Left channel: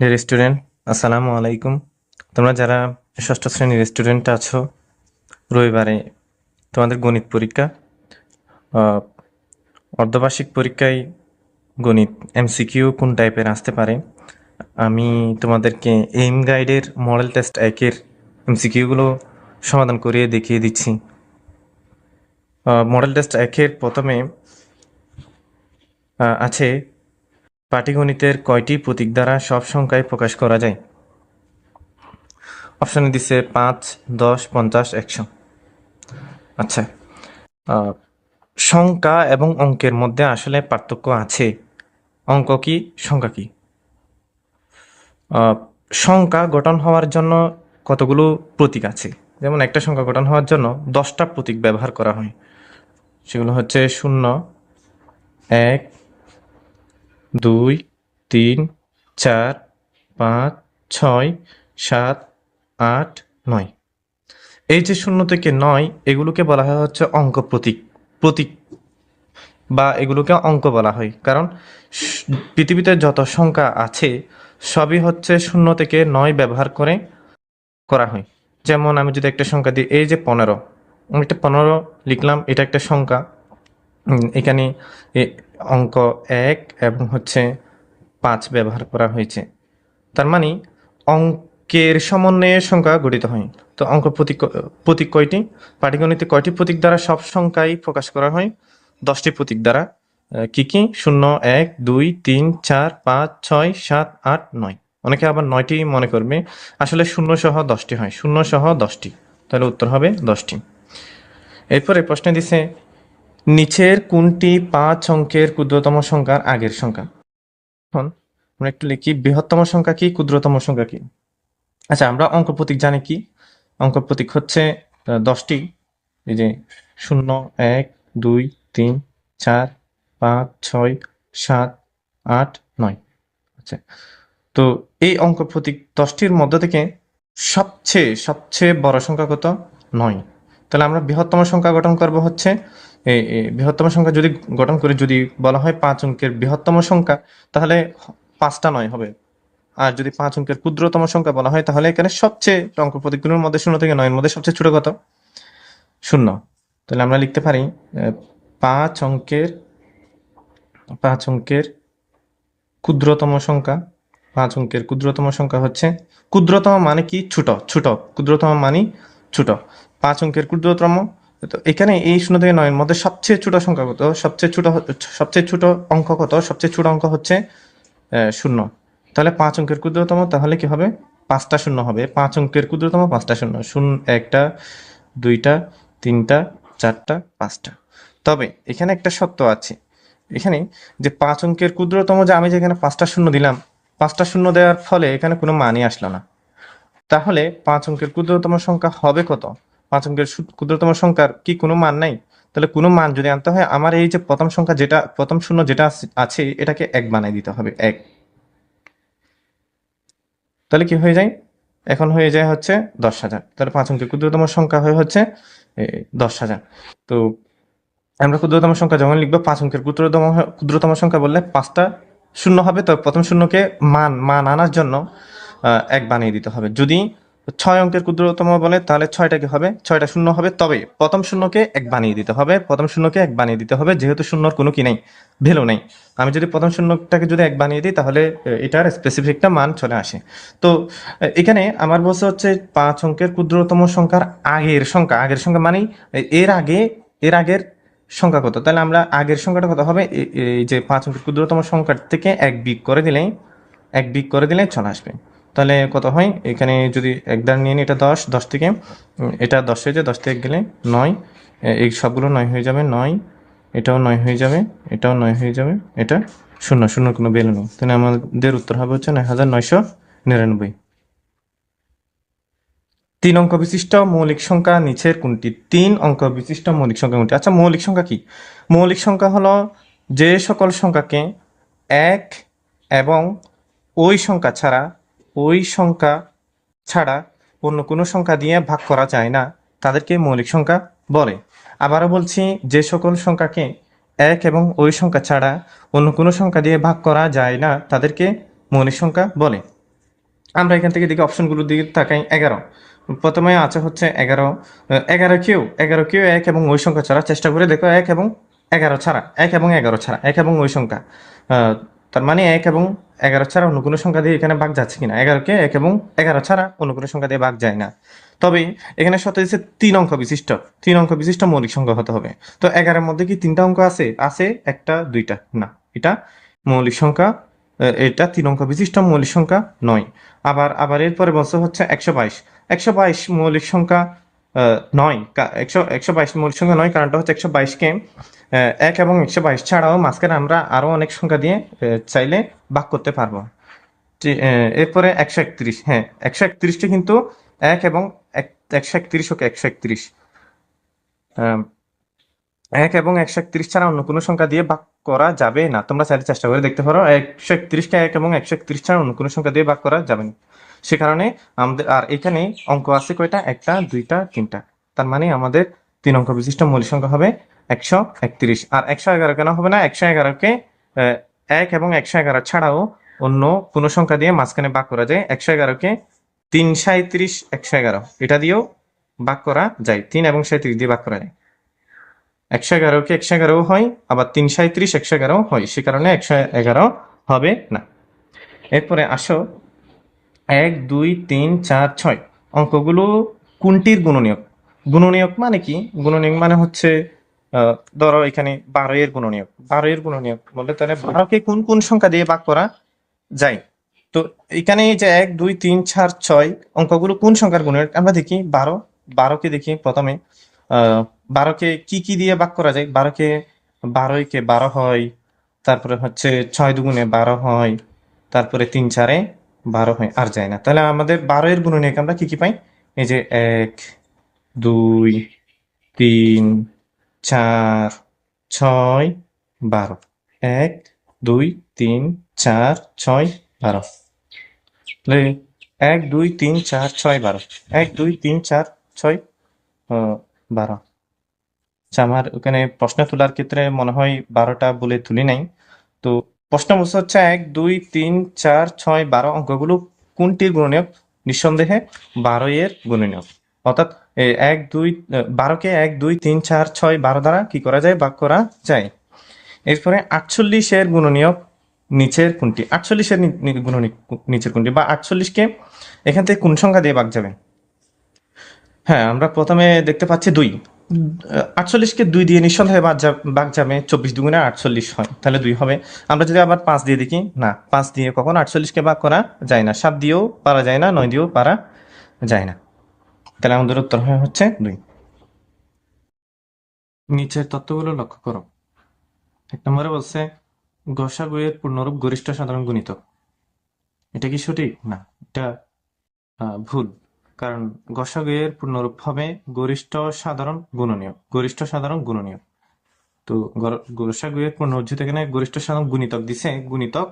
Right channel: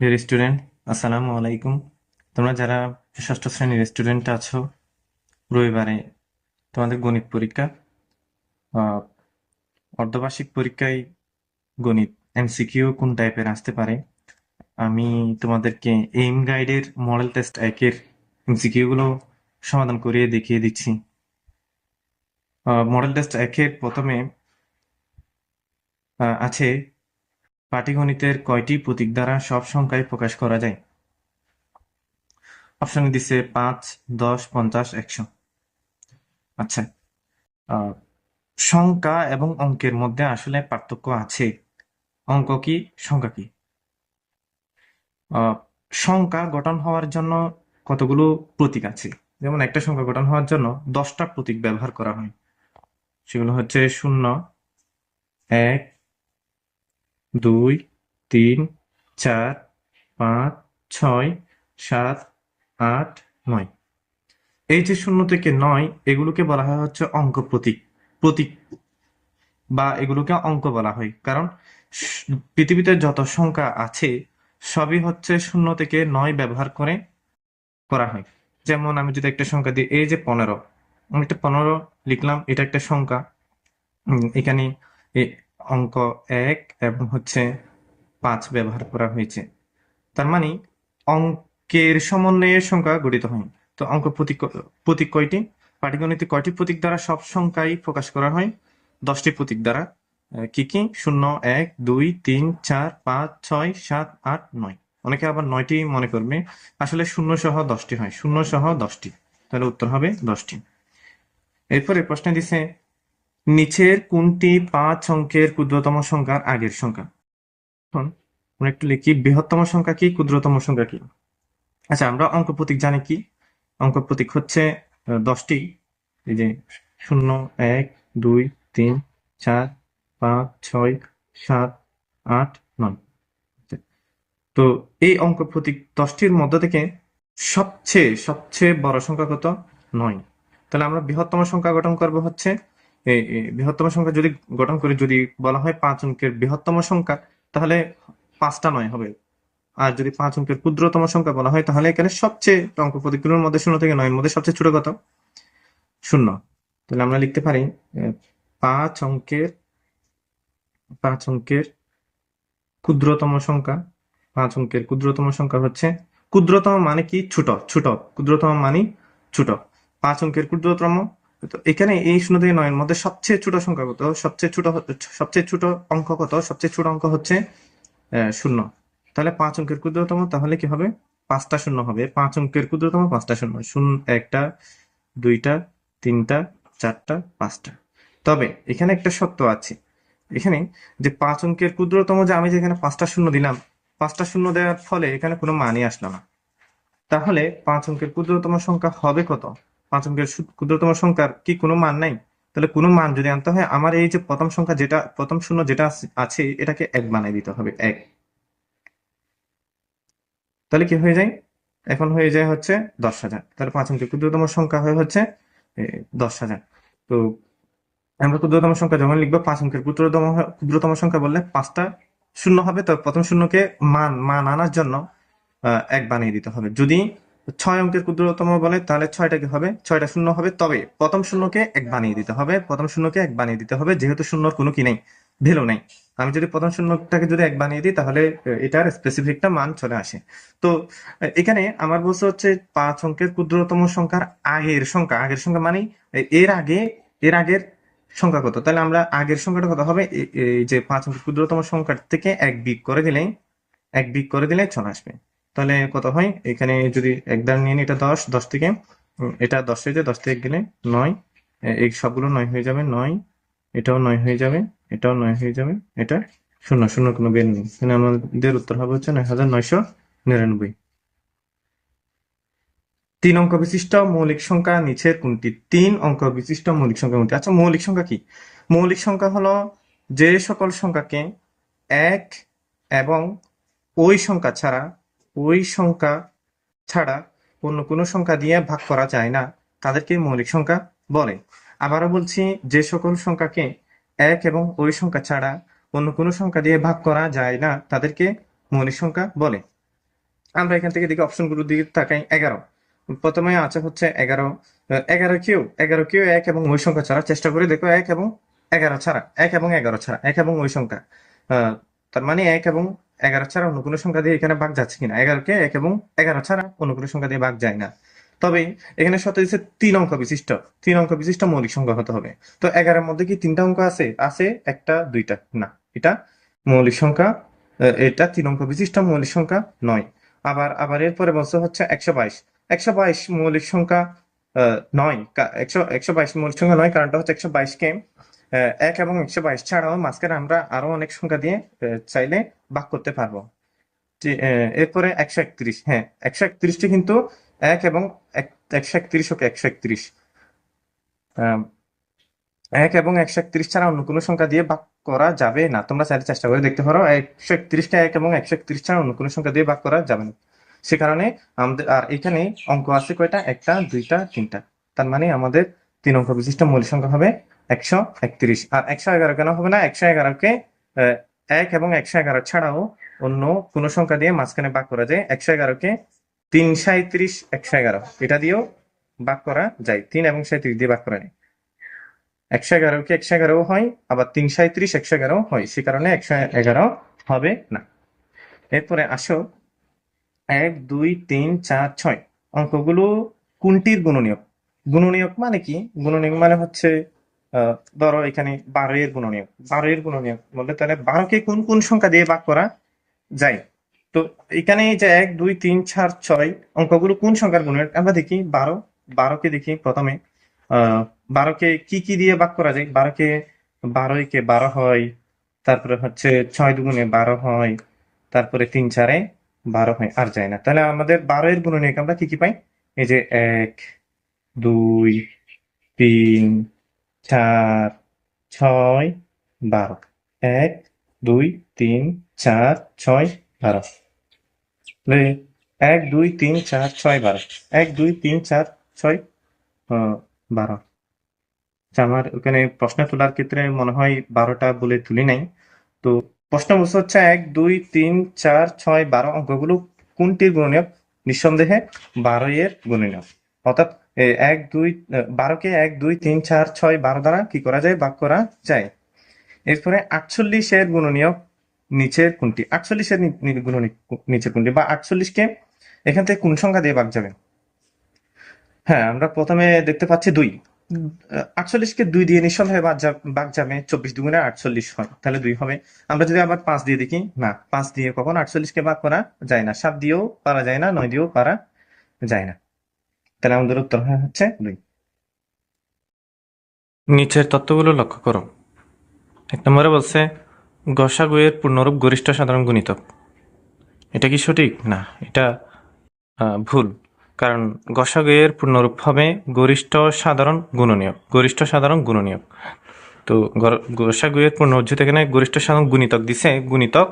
Dear student, আসসালামু আলাইকুম। তোমরা যারা ষষ্ঠ শ্রেণীর স্টুডেন্ট আছো, রবিবারে তোমাদের গণিত পরীক্ষা। আহ, অর্ধবার্ষিক পরীক্ষায় গণিত এমসিকিউ কোন টাইপের আসতে পারে, আমি তোমাদেরকে এইম গাইডের মডেল টেস্ট 1-এর এমসিকিউগুলো সমাধান করিয়ে দেখিয়ে দিচ্ছি। মডেল টেস্ট 1-এর প্রথমে আছে পাটিগণিতের কয়টি প্রতীক দ্বারা সব সংখ্যায় প্রকাশ করা যায়। অপশনে দিছে 5, 10, 50, 100। আচ্ছা, আহ, সংখ্যা এবং অঙ্কের মধ্যে আসলে পার্থক্য আছে। অঙ্ক কি, সংখ্যা কি? আহ, সংখ্যা গঠন হওয়ার জন্য কতগুলো প্রতীক আছে। যেমন একটা সংখ্যা গঠন হওয়ার জন্য 10টা প্রতীক ব্যবহার করা হয়। সেগুলো হচ্ছে 0, 1, 2, 3, 4, 5, 6, 7, 8, 9। এই যে 0 থেকে 9, এগুলোকে বলা হয় হচ্ছে অঙ্ক প্রতীক প্রতীক বা এগুলোকে অঙ্ক বলা হয়। কারণ স- পৃথিবীতে যত সংখ্যা আছে সবই হচ্ছে 0 থেকে 9 ব্যবহার করে করা হয়। যেমন আমি যদি একটা সংখ্যা দিই, এই যে 15, আমি একটা 15 লিখলাম, এটা একটা সংখ্যা। এখানে অঙ্ক 1 এবং হচ্ছে 5 ব্যবহার করা হয়েছে। তার মানে অঙ্কের সমন্বয়ে সংখ্যা গঠিত হয়। তো অঙ্ক প্রতীক প্রতীক কয়টি? পাটিগণিতে কয়টি প্রতীক দ্বারা সব সংখ্যাই প্রকাশ করা হয়? 10টি প্রতীক দ্বারা। কি কি? 0, 1, 2, 3, 4, 5, 6, 7, 8, 9। অনেকে আবার 9টি মনে করবে, আসলে 0 সহ 10টি হয়, 0 সহ 10টি। তাহলে উত্তর হবে 10টি। এরপরে প্রশ্নে দিছে, নিচের কোনটি 5 অঙ্কের ক্ষুদ্রতম সংখ্যার আগের সংখ্যা? এখন আমরা একটু লিখি, বৃহত্তম সংখ্যা কি, ক্ষুদ্রতম সংখ্যা কি? আচ্ছা, আমরা অঙ্ক প্রতীক জানি কি? অঙ্ক প্রতীক হচ্ছে 10টি। এই যে 0, 1, 2, 3, 4, 5, 6, 7, 8, 9। আচ্ছা, তো এই অঙ্ক প্রতীক 10টির মধ্য থেকে সবচেয়ে সবচেয়ে বড় সংখ্যা কত? 9। তাহলে আমরা বৃহত্তম সংখ্যা গঠন করব হচ্ছে বৃহত্তম সংখ্যা যদি গঠন করি, যদি বলা হয় 5 অঙ্কের বৃহত্তম সংখ্যা, তাহলে 5টা 9 হবে। আর যদি 5 অঙ্কের ক্ষুদ্রতম সংখ্যা বলা হয়, তাহলে এখানে সবচেয়ে অঙ্ক প্রতীকগুলোর মধ্যে 0 থেকে 9-এর মধ্যে সবচেয়ে ছোট কত? 0। তাহলে আমরা লিখতে পারি 5 অঙ্কের 5 অঙ্কের ক্ষুদ্রতম সংখ্যা। 5 অঙ্কের ক্ষুদ্রতম সংখ্যা হচ্ছে, ক্ষুদ্রতম মানে কি? ছোট ছোট। ক্ষুদ্রতম মানে ছোট। 5 অঙ্কের ক্ষুদ্রতম। তো এখানে এই 0 থেকে 9-এর মধ্যে সবচেয়ে ছোট সংখ্যা কত? সবচেয়ে ছোট অঙ্ক কত? সবচেয়ে ছোট অঙ্ক হচ্ছে 0। তাহলে 5 অঙ্কের ক্ষুদ্রতম, তাহলে কি হবে? 5টা 0 হবে। 5 অঙ্কের ক্ষুদ্রতম 5টা 0, 0, 1টা, 2টা, 3টা, 4টা, 5টা। তবে এখানে একটা সত্য আছে। এখানে যে 5 অঙ্কের ক্ষুদ্রতম, যে আমি যেখানে 5টা 0 দিলাম, 5টা 0 দেওয়ার ফলে এখানে কোনো মানই আসলো না। তাহলে 5 অঙ্কের ক্ষুদ্রতম সংখ্যা হবে কত? 5 অঙ্কের ক্ষুদ্রতম সংখ্যার কি কোনো মান নাই? তাহলে কোনো মান যদি আনতে হয়, আমার এই যে প্রথম সংখ্যা, যেটা প্রথম 0 যেটা আছে, এটাকে 1 বানিয়ে দিতে হবে, 1। তাহলে কি হয়ে যায়? এখন হয়ে যায় হচ্ছে 10,000। তাহলে 5 অঙ্কের ক্ষুদ্রতম সংখ্যা হয়ে হচ্ছে 10,000। তো আমরা ক্ষুদ্রতম সংখ্যা যখন লিখবো, 5 অঙ্কের ক্ষুদ্রতম সংখ্যা বললে 5টা 0 হবে। তো প্রথম শূন্যকে মান মান আনার জন্য 1 বানিয়ে দিতে হবে। যদি 6 অঙ্কের ক্ষুদ্রতম বলে, তাহলে 6টা কি হবে? 6টা 0 হবে। তবে প্রথম শূন্যকে 1 বানিয়ে দিতে হবে, প্রথম শূন্যকে 1 বানিয়ে দিতে হবে, যেহেতু শূন্যর কোনো কি নেই, ভ্যালু নেই। আমি যদি প্রথম শূন্যটাকে যদি 1 বানিয়ে দিই, তাহলে এটার স্পেসিফিক একটা মান চলে আসে। তো এখানে আমার বলছে হচ্ছে 5 অঙ্কের ক্ষুদ্রতম সংখ্যার আগের সংখ্যা। আগের সংখ্যা মানে এর আগে, এর আগের সংখ্যা কত? তাহলে আমরা আগের সংখ্যাটা কত হবে? এই যে 5 অঙ্কের ক্ষুদ্রতম সংখ্যার থেকে 1 বিয়োগ করে দিলেই, 1 বিয়োগ করে দিলে চলে আসবে। তাহলে কত হয়? এখানে যদি 1 দ্বারা নিয়ে নিই, এটা 10, 10 থেকে এটা 10 হয়ে যায়, 10 থেকে গেলে 9, এই সবগুলো 9 হয়ে যাবে, 9, এটাও 9 হয়ে যাবে, এটাও 9 হয়ে যাবে, এটা 0, 0 কোনো ভ্যালু নেই। তাহলে আমাদের উত্তর হবে হচ্ছে 9,999। 3 অঙ্ক বিশিষ্ট মৌলিক সংখ্যা নিচের কোনটি? 3 অঙ্ক বিশিষ্ট মৌলিক সংখ্যা কোনটি? আচ্ছা, মৌলিক সংখ্যা কি? মৌলিক সংখ্যা হলো যে সকল সংখ্যাকে 1 এবং ওই সংখ্যা ছাড়া, ওই সংখ্যা ছাড়া অন্য কোনো সংখ্যা দিয়ে ভাগ করা যায় না, তাদেরকে মৌলিক সংখ্যা বলে। আবারও বলছি, যে সকল সংখ্যাকে 1 এবং ওই সংখ্যা ছাড়া অন্য কোনো সংখ্যা দিয়ে ভাগ করা যায় না, তাদেরকে মৌলিক সংখ্যা বলে। আমরা এখান থেকে দেখি অপশনগুলোর দিকে তাকাই। 11 প্রথমে আছে হচ্ছে 11। 11 কেও এক এবং ওই সংখ্যা ছাড়া চেষ্টা করে দেখো। 1 এবং 11 ছাড়া, 1 এবং 11 ছাড়া, 1 এবং ওই সংখ্যা। আহ, তার মানে 1 এবং 11 ছাড়া অন্য কোনো সংখ্যা দিয়ে এখানে ভাগ যাচ্ছে কিনা। 11কে 1 এবং 11 ছাড়া অন্য কোনো সংখ্যা দিয়ে ভাগ যায় না। তবে এখানে শর্ত হচ্ছে 3 অঙ্ক বিশিষ্ট মৌলিক সংখ্যা হতে হবে। তো 11-এর মধ্যে কি 3টা অঙ্ক আছে? আছে একটা দুইটা না, এটা মৌলিক সংখ্যা। এটা 3 অঙ্ক বিশিষ্ট মৌলিক সংখ্যা নয়। আবার এরপরে বলছে হচ্ছে 122। 122 মৌলিক সংখ্যা নয়। 122 মৌলিক সংখ্যা নয়, কারণটা হচ্ছে 122কে 1 এবং 122 ছাড়াও মাঝখানে আমরা আরো অনেক সংখ্যা দিয়ে চাইলে ভাগ করতে পারবো। এরপরে 131। হ্যাঁ, 131টি কিন্তু 1 এবং 131, ওকে 131 1 এবং 131 ছাড়া অন্য কোনো সংখ্যা দিয়ে ভাগ করা যাবে না। তোমরা চাইলে চেষ্টা করে দেখতে পারো। 131কে 1 এবং 131 ছাড়া অন্য কোনো সংখ্যা দিয়ে ভাগ করা যাবে না। সে কারণে আমাদের আর এখানে অঙ্ক আছে কয়টা? একটা, দুইটা, তিনটা। তার মানে আমাদের 3 অঙ্ক বিশিষ্ট মৌলিক সংখ্যা হবে 131। আর 111 কেন হবে না? 111কে 1 এবং 111 ছাড়াও অন্য কোনো সংখ্যা দিয়ে মাঝখানে ভাগ করা যায়। 111কে 3 37 111 এটা দিয়েও ভাগ করা যায়। 3 এবং 37 দিয়ে ভাগ করা যায়। 111কে 111 হয়, আবার 337 111 হয়। সে কারণে 111 হবে না। এরপরে আসো 1 2 3 4 6 অঙ্কগুলো কোনটির গুণনীয়ক? গুণনীয়ক মানে কি? গুণনীয়ক মানে হচ্ছে ধরো এখানে 12 এর গুণনীয়ক। 12 এর গুণনীয়ক বললে তাহলে 12কে কোন কোন সংখ্যা দিয়ে ভাগ করা যায়? তো এখানে এই যে 1 2 3 4 6 অঙ্কগুলো কোন সংখ্যার গুণনীয়ক আমরা দেখি। 12কে দেখি প্রথমে। 12কে কি কি দিয়ে ভাগ করা যায়? 12কে 12কে 12 হয়, তারপরে হচ্ছে 6 দুগুণে 12 হয়, তারপরে 3 4-এ 12 হয়, আর যায় না। তাহলে আমাদের 12 এর গুণনীয়ক আমরা কি কি পাই? এই যে 1 2 3 4 6 12। 1 2 3 4 6 12। তাহলে 1 2 3 4 6 12। 1 2 3 4 6 12। আচ্ছা, আমার ওখানে প্রশ্ন তোলার ক্ষেত্রে মনে হয় 12টা বলে তুলি নাই। তো প্রশ্ন বলছে হচ্ছে 1 2 3 4 6 12 অঙ্কগুলো কোনটির গুণনীয়ক? নিঃসন্দেহে 12 এর গুণনীয়ক। অর্থাৎ 1 2 12কে 1 2 3 4 6 12 দ্বারা কি করা যায়? ভাগ করা যায়। এরপরে 48 এর গুণনীয়ক নিচের কোনটি? 48 এর গুণনীয়ক নিচের কোনটি? বা 48কে এখান থেকে কোন সংখ্যা দিয়ে ভাগ যাবে? হ্যাঁ, আমরা প্রথমে দেখতে পাচ্ছি 2। 48কে 2 দিয়ে নিঃসন্দেহে ভাগ যাবে। 24 দুগুণে 48 হয়, তাহলে 2 হবে। আমরা যদি আবার 5 দিয়ে দেখি, না, 5 দিয়ে কখনো 48কে ভাগ করা যায় না। 7 দিয়েও পারা যায় না, 9 দিয়েও পারা যায় না। তাহলে আমাদের উত্তর হচ্ছে 2। নিচের তথ্যগুলো লক্ষ্য করো। 1 নম্বরে বলছে গসাগু এর পূর্ণরূপ গরিষ্ঠ সাধারণ গুণিতক। এটা কি সঠিক? না, এটা ভুল। কারণ গসাগু এর পূর্ণরূপ হবে গরিষ্ঠ সাধারণ গুণনীয়ক। গরিষ্ঠ সাধারণ গুণনীয়ক। তো গসাগু এর পূর্ণরূপ এখানে গরিষ্ঠ সাধারণ গুণিতক দিছে, গুণিতক,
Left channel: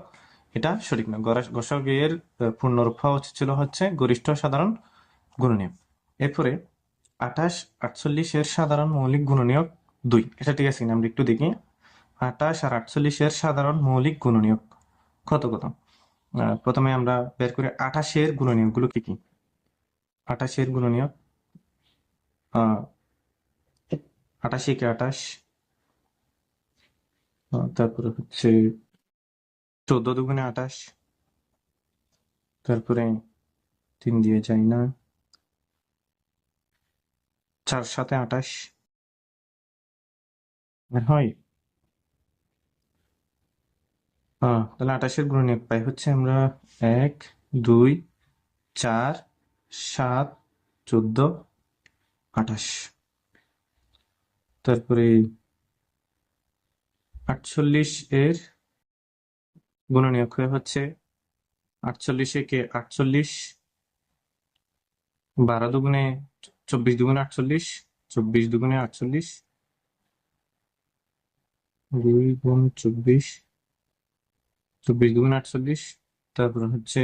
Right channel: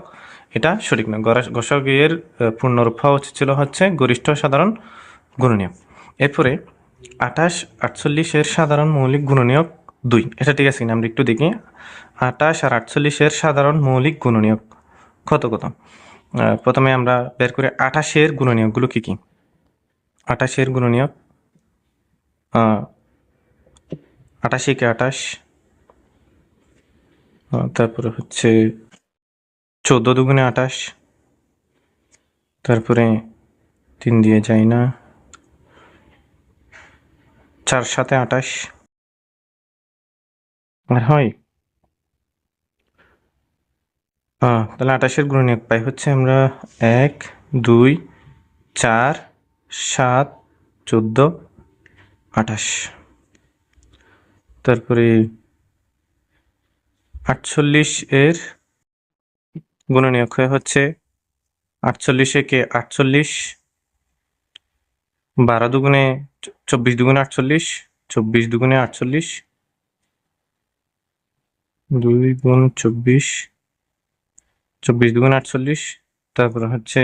এটা সঠিক না। গসাগু এর পূর্ণরূপ হওয়া উচিত ছিল হচ্ছে গরিষ্ঠ সাধারণ গুণনীয়ক। এরপরে 28 48 এর সাধারণ মৌলিক গুণনীয়ক 2। এটা ঠিক আছে কিনা আমরা একটু দেখি। 28 আর 48 এর সাধারণ মৌলিক গুণনীয়ক কত কত? প্রথমে আমরা বের করে 28 এর গুণনীয়কগুলো কি কি? 28 এর গুণনীয়ক 28 কে 28, তারপরে হচ্ছে 14 দুগুণে 28, তারপরে 3 দিয়ে যায় না, 4 7 28 আর হয়। তাহলে 28 এর গুণনীয়ক পাই হচ্ছে আমরা 1 2 4 7 14 28। তারপরে 48 এর গুণনীয়ক হচ্ছে 48 কে 48, 12 দুগুণে 24 দুগুণে 48, 24 দুগুণে 48, 2 গুণ 24, 24 দুগুণে 48, তারপরে হচ্ছে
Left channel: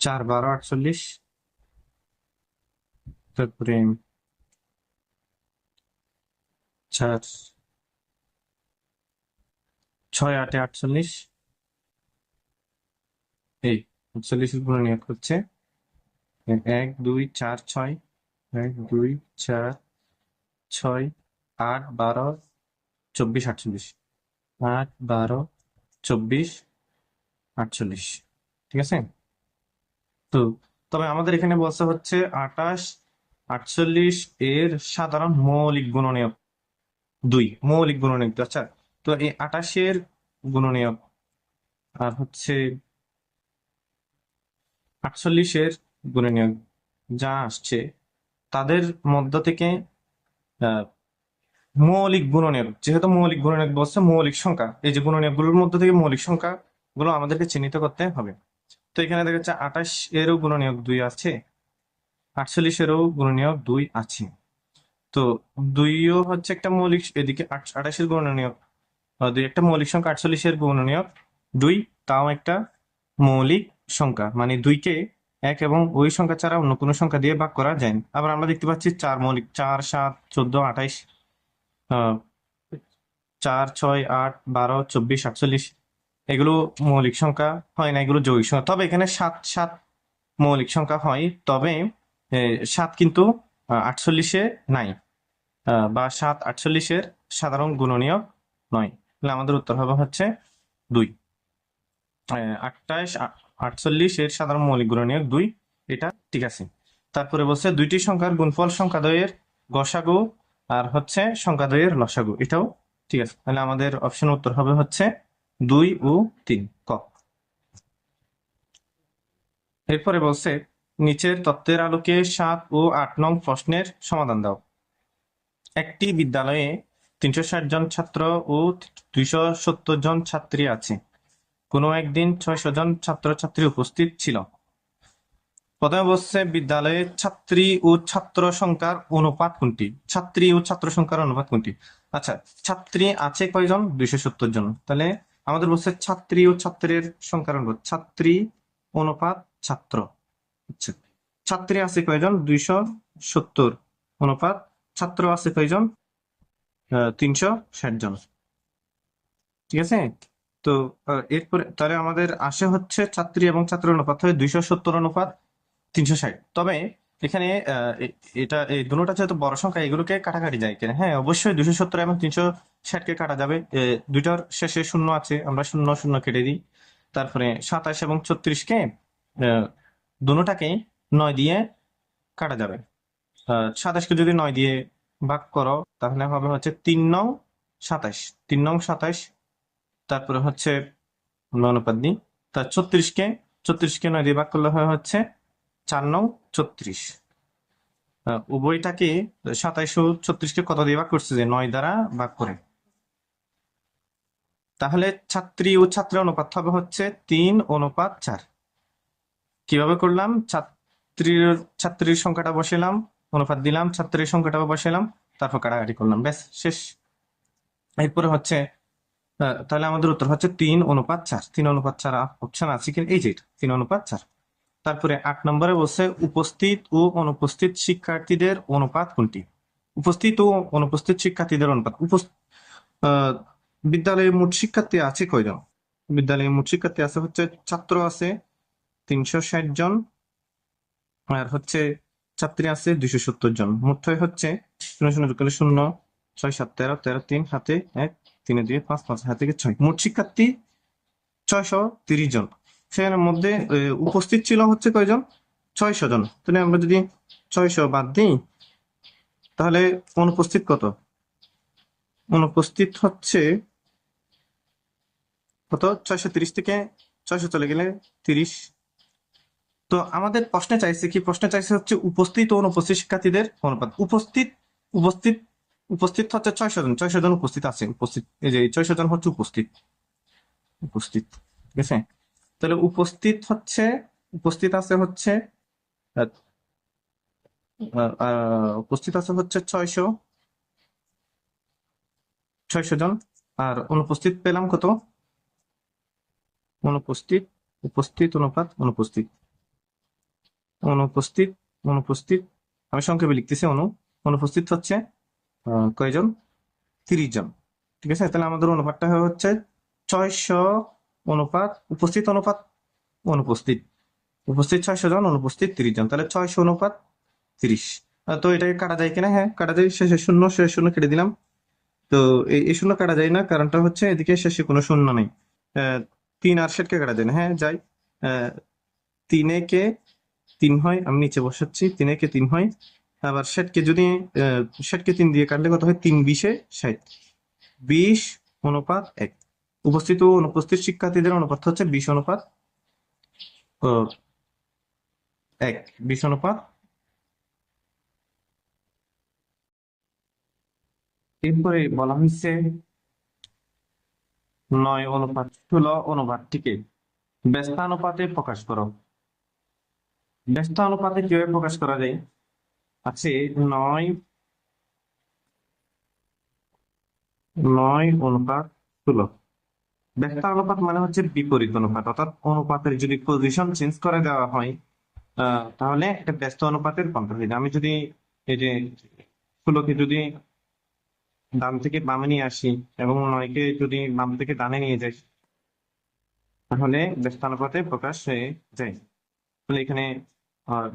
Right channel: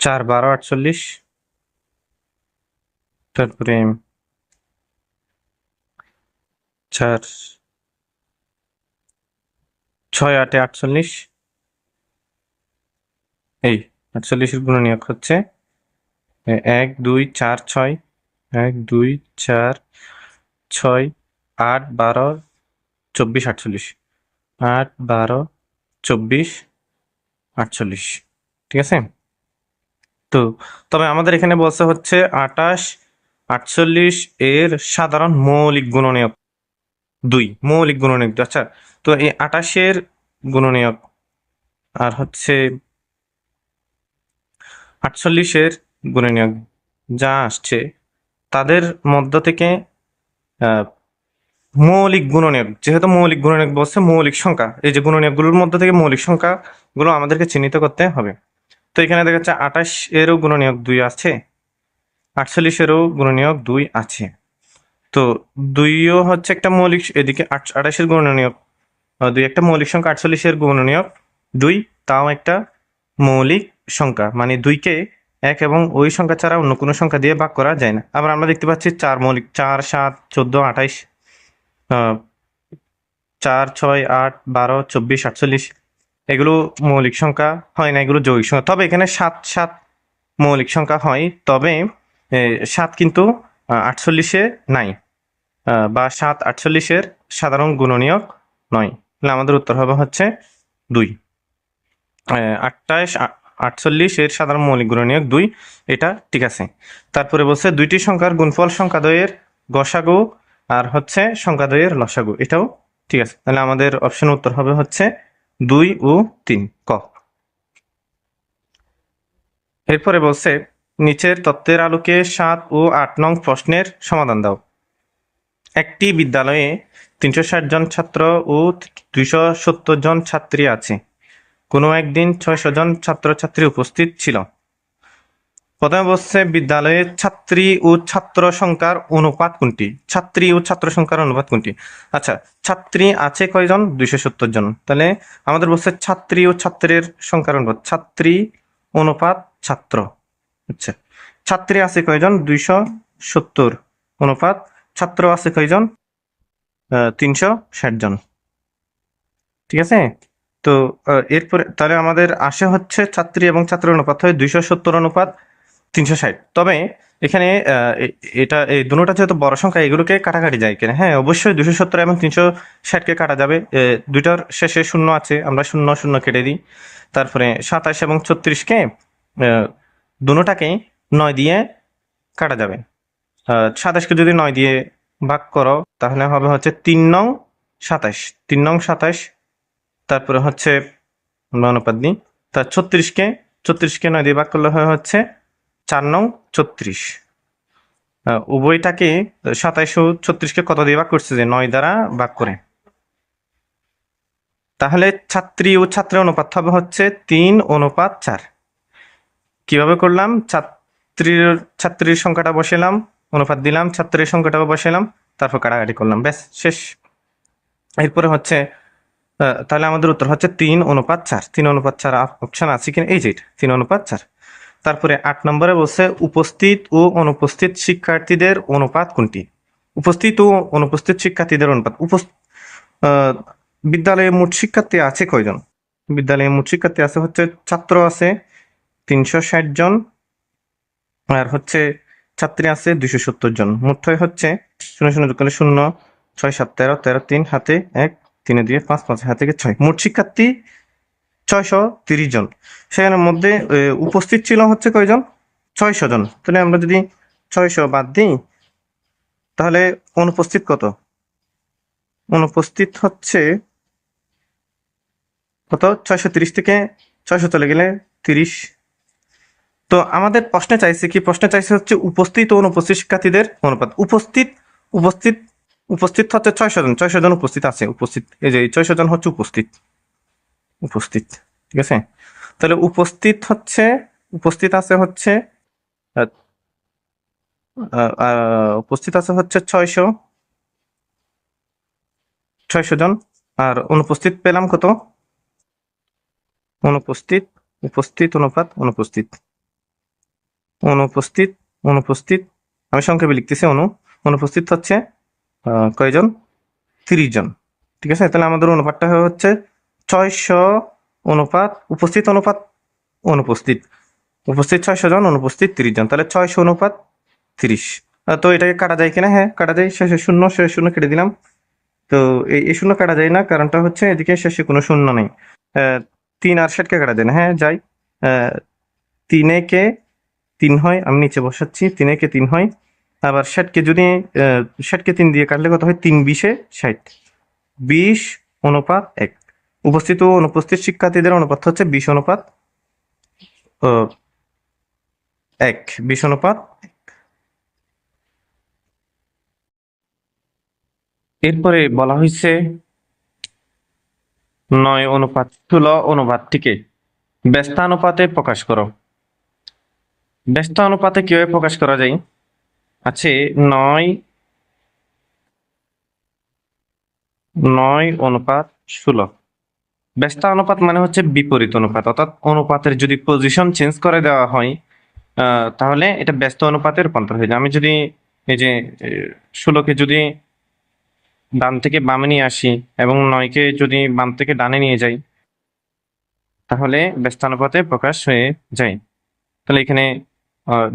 4 12 48, তারপরে 4 ছয় আটে 48, এই 48-এর গুণনীয়ক হচ্ছে 1 2 4 6, 1 2 4 6 8 12 24 48, 8 12 24 48, ঠিক আছে। তো তবে আমাদের এখানে বলছে হচ্ছে 28 48 এর সাধারণ মৌলিক গুণনীয়ক 2, মৌলিক গুণনীয়ক 2। আচ্ছা, তো এই 28 এর গুণনীয়ক আর হচ্ছে 48 এর গুণনীয়ক যা আসছে তাদের মধ্য থেকে মৌলিক গুণনীয়ক, যেহেতু মৌলিক গুণনীয়ক বলছে মৌলিক সংখ্যা, এই যে গুণনীয়কগুলোর মধ্য থেকে মৌলিক সংখ্যাগুলো আমাদেরকে চিহ্নিত করতে হবে। তো এখানে দেখা যাচ্ছে 28 এরও গুণনীয়ক 2 আছে, 48 এরও গুণনীয়ক 2 আছে। তো 2ও হচ্ছে একটা মৌলিক, এদিকে 28 এর গুণনীয়ক 2 একটা মৌলিক সংখ্যা, 48 এর গুণনীয়ক 2 তাও একটা মৌলিক সংখ্যা, মানে 2কে 1 এবং ওই সংখ্যা ছাড়া অন্য কোনো সংখ্যা দিয়ে ভাগ করা যায় না। আবার আমরা দেখতে পাচ্ছি 4 মৌলিক, 4 7 14 28, 4 6 8 12 24 48, এগুলো মৌলিক সংখ্যা হয় না, এগুলো যৌগিক সংখ্যা। তবে এখানে 7 7 মৌলিক সংখ্যা হয়, তবে 7 কিন্তু 48-এ নাই, বা 7 48-এর সাধারণ গুণনীয়ক নয়। তাহলে আমাদের উত্তর হবে হচ্ছে 2। 28 48 এর সাধারণ মৌলিক গুণনীয়ক 2, এটা ঠিক আছে। তারপরে বলছে দুইটি সংখ্যার গুণফল সংখ্যাদ্বয়ের গসাগু আর হচ্ছে সংখ্যাদ্বয়ের লসাগু, এটাও ঠিক আছে। তাহলে আমাদের অপশন উত্তর হবে হচ্ছে 2 ও 3, ক। এরপরে বলছে নিচের তত্ত্বের আলোকে 7 ও 8 নং প্রশ্নের সমাধান দাও। একটি বিদ্যালয়ে 360 জন ছাত্র ও 270 জন ছাত্রী আছে। কোনো একদিন 600 জন ছাত্রছাত্রী উপস্থিত ছিল। প্রথমে বলছে বিদ্যালয়ের ছাত্রী ও ছাত্র সংখ্যার অনুপাত কোনটি? ছাত্রী ও ছাত্র সংখ্যার অনুপাত কোনটি? আচ্ছা, ছাত্রী আছে কয়জন? 270 জন। তাহলে আমাদের বলছে ছাত্রী ও ছাত্রের সংখ্যার অনুপাত, ছাত্রী অনুপাত ছাত্র। আচ্ছা, ছাত্রী আছে কয়জন? 270 অনুপাত ছাত্র আছে কয়জন? 360 জন, ঠিক আছে। তো এরপরে তাহলে আমাদের আসে হচ্ছে ছাত্রী এবং ছাত্রের অনুপাত হয় 270 অনুপাত 360। তবে এখানে এটা এই দুটোটা যেহেতু বড় সংখ্যা, এগুলোকে কাটাকাটি যায় কিনা? হ্যাঁ, অবশ্যই 270 এবং 360-কে কাটা যাবে। দুইটার শেষে শূন্য আছে, আমরা শূন্য শূন্য কেটে দিই। তারপরে 27 এবং 36-কে দুটাকে 9 দিয়ে কাটা যাবে। 27-কে যদি 9 দিয়ে ভাগ করো তাহলে হবে হচ্ছে 3 নং 27, 3 নং 27। তারপরে হচ্ছে অনুপাত দিই, তার 36-কে 9 দিয়ে ভাগ করলে হয় হচ্ছে 4 নং 36। উভয়টাকে 27 ও 36-কে কত দিয়ে ভাগ করছে? যে 9 দ্বারা ভাগ করে। তাহলে ছাত্রী ও ছাত্রের অনুপাত হবে হচ্ছে 3 অনুপাত 4। কিভাবে করলাম? ছাত্রীর সংখ্যাটা বসালাম, অনুপাত দিলাম, ছাত্রীর সংখ্যাটাও বসালাম, তারপর কাটাকাটি করলাম, ব্যাস শেষ। এরপরে হচ্ছে তাহলে আমাদের উত্তর হচ্ছে 3 অনুপাত 4। 3 অনুপাত 4 অপশন আছে কিনা? এই যে 3 অনুপাত 4। তারপরে 8 নম্বরে বলছে উপস্থিত ও অনুপস্থিত শিক্ষার্থীদের অনুপাত কোনটি? উপস্থিত ও অনুপস্থিত শিক্ষার্থীদের অনুপাত। বিদ্যালয়ে মোট শিক্ষার্থী আছে কয়জন? বিদ্যালয়ে মোট শিক্ষার্থী আছে হচ্ছে, ছাত্র আছে 360 জন, আর হচ্ছে ছাত্রী আছে 270 জন। মোট হয় হচ্ছে 0 0 যোগ করলে 0, 6 7 13, 13 3 হাতে 1, 3 2 5, 5 হাতে 6। মোট শিক্ষার্থী 630 জন। সেখানের মধ্যে উপস্থিত ছিল হচ্ছে কয়জন? 600 জন। তাহলে আমরা যদি 600 বাদ দিই তাহলে অনুপস্থিত কত? অনুপস্থিত হচ্ছে কত? 630 থেকে 600 চলে গেলে 30। তো আমাদের প্রশ্নে চাইছে কি? প্রশ্নে চাইছে হচ্ছে উপস্থিত ও অনুপস্থিত শিক্ষার্থীদের অনুপাত। উপস্থিত উপস্থিত উপস্থিত হচ্ছে 600 জন, 600 জন উপস্থিত আছে। উপস্থিত এই যে 600 জন হচ্ছে উপস্থিত, উপস্থিত, ঠিক আছে। তাহলে উপস্থিত হচ্ছে, উপস্থিত আছে হচ্ছে উপস্থিত আছে হচ্ছে 600 জন। আর অনুপস্থিত পেলাম কত? অনুপস্থিত, উপস্থিত অনুপাত অনুপস্থিত, অনুপস্থিত, অনুপস্থিত, আমি সংক্ষেপে লিখতেছি। অনুপস্থিত হচ্ছে কয়জন? 30 জন, ঠিক আছে। তাহলে আমাদের অনুপাতটা হচ্ছে 600 অনুপাত উপস্থিত অনুপাত অনুপস্থিত, উপস্থিত 600 জন, অনুপস্থিত 30 জন, তাহলে 600 অনুপাত 30। তো এটাকে কাটা যায় কিনা? হ্যাঁ কাটা যায়, শেষে শূন্য, শেষে শূন্য কেটে দিলাম। তো এই শূন্য কাটা যায় না, কারণটা হচ্ছে এদিকে শেষে কোনো শূন্য নেই। 3 আর 60কে কাটা যায় না, হ্যাঁ যায়। 3 কে 3 হয়, আমি নিচে বসাচ্ছি, 3 কে 3 হয়। আবার 60কে যদি 60কে 3 দিয়ে কাটলে কত হয়? 3 20-এ 60, 20 অনুপাত 1। উপস্থিত ও অনুপস্থিত শিক্ষার্থীদের অনুপাত হচ্ছে 20 অনুপাত 1, 20 অনুপাত। এরপরে বলা হয়েছে 9 অনুপাত 16 অনুপাতটিকে ব্যস্তানুপাতে প্রকাশ করো। ব্যস্তানুপাতে কিভাবে প্রকাশ করা যায়? আছে 9 অনুপাত 16। ব্যস্তানুপাত মানে হচ্ছে বিপরীত অনুপাত, অর্থাৎ অনুপাতের যদি পজিশন চেঞ্জ করে দেওয়া হয় তাহলে এটা ব্যস্ত অনুপাতে রূপান্তর হয়ে যায়। আমি যদি এই যে 16কে যদি ডান থেকে বামে নিয়ে আসি এবং 9কে যদি বাম থেকে ডানে নিয়ে যাই, তাহলে ব্যস্তানুপাতে প্রকাশ হয়ে যায়। তাহলে এখানে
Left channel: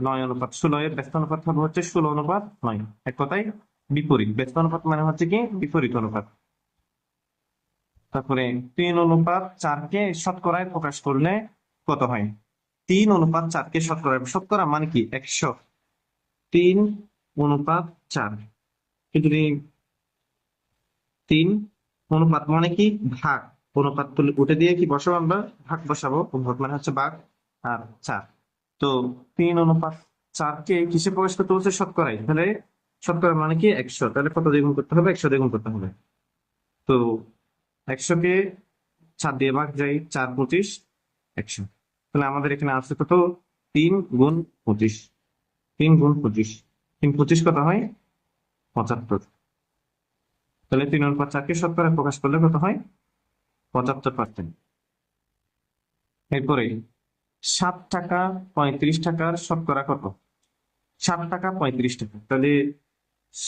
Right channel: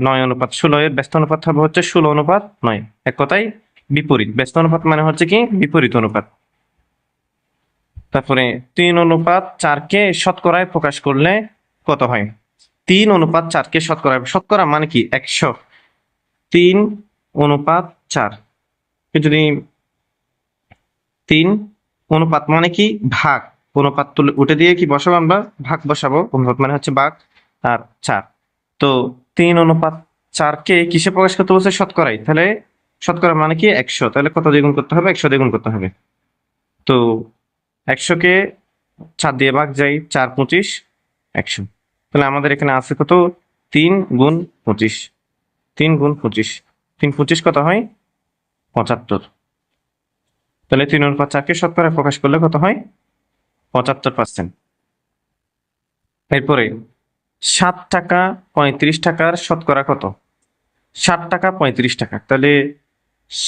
9 অনুপাত 16 এর ব্যস্ত অনুপাত হবে হচ্ছে 16 অনুপাত 9। এক কথায় বিপরীত। ব্যস্ত অনুপাত মানে হচ্ছে কি? বিপরীত অনুপাত। তারপরে 3 অনুপাত 4কে শতকরায় প্রকাশ করলে কত হয়? 3 অনুপাত 4কে শতকরায়, শতকরা মানে কি? 100। 3 অনুপাত 4 যদি 3 অনুপাত মানে কি? ভাগ। অনুপাত তুলে উঠে দিয়ে কি বসাবো আমরা? ভাগ বসাবো। অনুপাত মানে হচ্ছে ভাগ, আর 4। তো 3 অনুপাত 4কে কিসে প্রকাশ করতে বলছে? শতকরায়। তাহলে শতকরা মানে কি? 100। তাহলে কত দিয়ে গুণ করতে হবে? 100 দিয়ে গুণ করতে হবে। তো 100কে 4 দিয়ে ভাগ যাই, 4 25 100। তাহলে আমাদের এখানে আছে কত? 3 গুণ 25, 3 গুণ 25, 3 25 কত হয়? 75। তাহলে 3 অনুপাত 4কে শতকরা প্রকাশ করলে কত হয়? 75%। এরপরে 7 টাকা 35 টাকার শতকরা কত? 7 টাকা 35 টাকা, তাহলে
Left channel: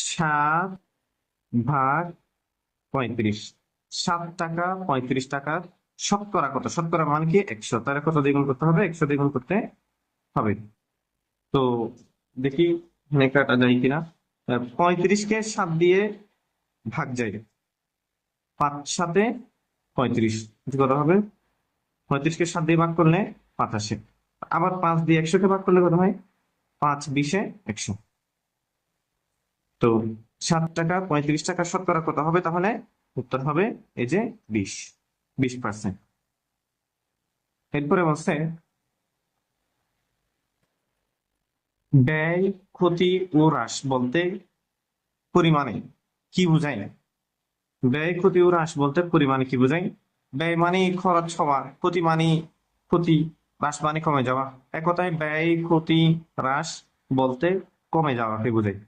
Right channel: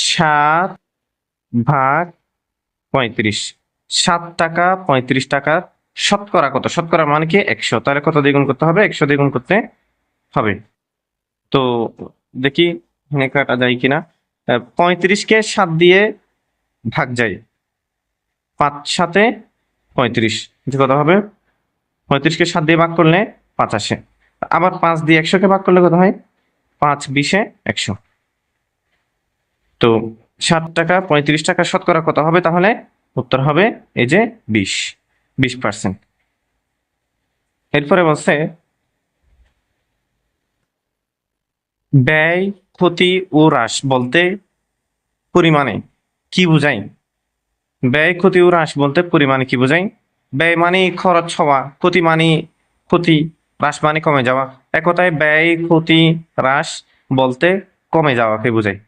7 ভাগ 35। 7 টাকা 35 টাকার শতকরা কত? শতকরা মানে কি? 100। তাহলে কত দিয়ে গুণ করতে হবে? 100 দিয়ে গুণ করতে হবে। তো দেখি এখানে কাটা যায় কিনা। 35কে 7 দিয়ে ভাগ যায়, 5 7-এ 35, কত হবে? 35কে 7 দিয়ে ভাগ করলে 5 আসে। আবার 5 দিয়ে 100কে ভাগ করলে কত হয়? 5 20-এ 100। তো 7 টাকা 35 টাকা শতকরা কত হবে তাহলে? উত্তর হবে এই যে 20%। এরপরে বলছে ব্যয়, ক্ষতি ও হ্রাস বলতে পরিমাণে কি বোঝায়? ব্যয়, ক্ষতি ও হ্রাস বলতে পরিমাণে কি বোঝায়? ব্যয় মানে খরচ হওয়া, ক্ষতি মানে ক্ষতি, হ্রাস মানে কমে যাওয়া। এক কথায় ব্যয়, ক্ষতি, হ্রাস বলতে কমে যাওয়াকে বোঝায়।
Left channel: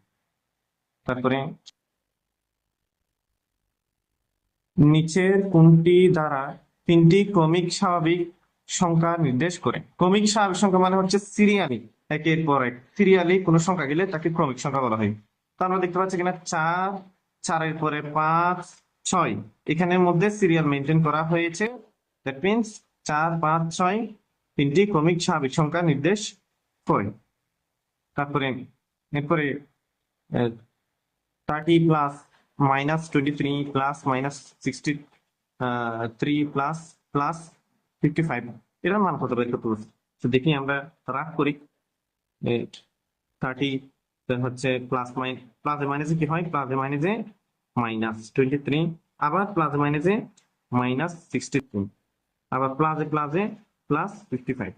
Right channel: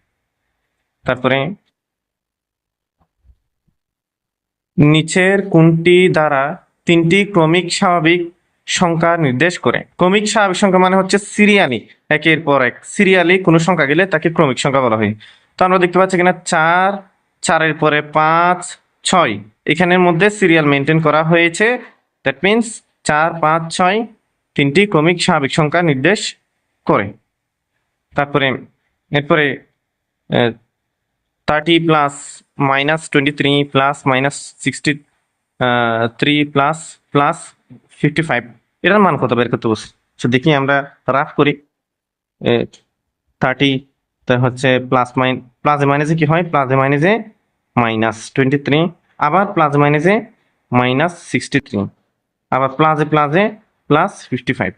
তারপরে নিচের কোনটি দ্বারা 3টি ক্রমিক স্বাভাবিক সংখ্যা নির্দেশ করে? ক্রমিক স্বাভাবিক সংখ্যা মানে হচ্ছে সিরিয়ালি, একের পর এক সিরিয়ালি কোনো সংখ্যা গেলে তাকে ক্রমিক সংখ্যা বলা হয়। তো আমরা দেখতে পাচ্ছি কিনা 4, 4-এর পরে 5, 6, এখানের মধ্যে সিরিয়াল মেনটেন করা হয়েছে। দ্যাট মিনস 4, 5, 6 3টি ক্রমিক স্বাভাবিক সংখ্যা নির্দেশ করে। তারপরে এরপরে 30 plus minus 23 plus minus 63 plus plus 55, এটার মান কত বের করতে বলছি? দেখি আমরা রাফ করি। 30 তা হচ্ছে প্লাসে মাইনাসে কি হয়? প্লাসে মাইনাসে মাইনাস 23, আবার প্লাসে মাইনাসে মাইনাস 63, আবার প্লাসে প্লাসে প্লাস 55।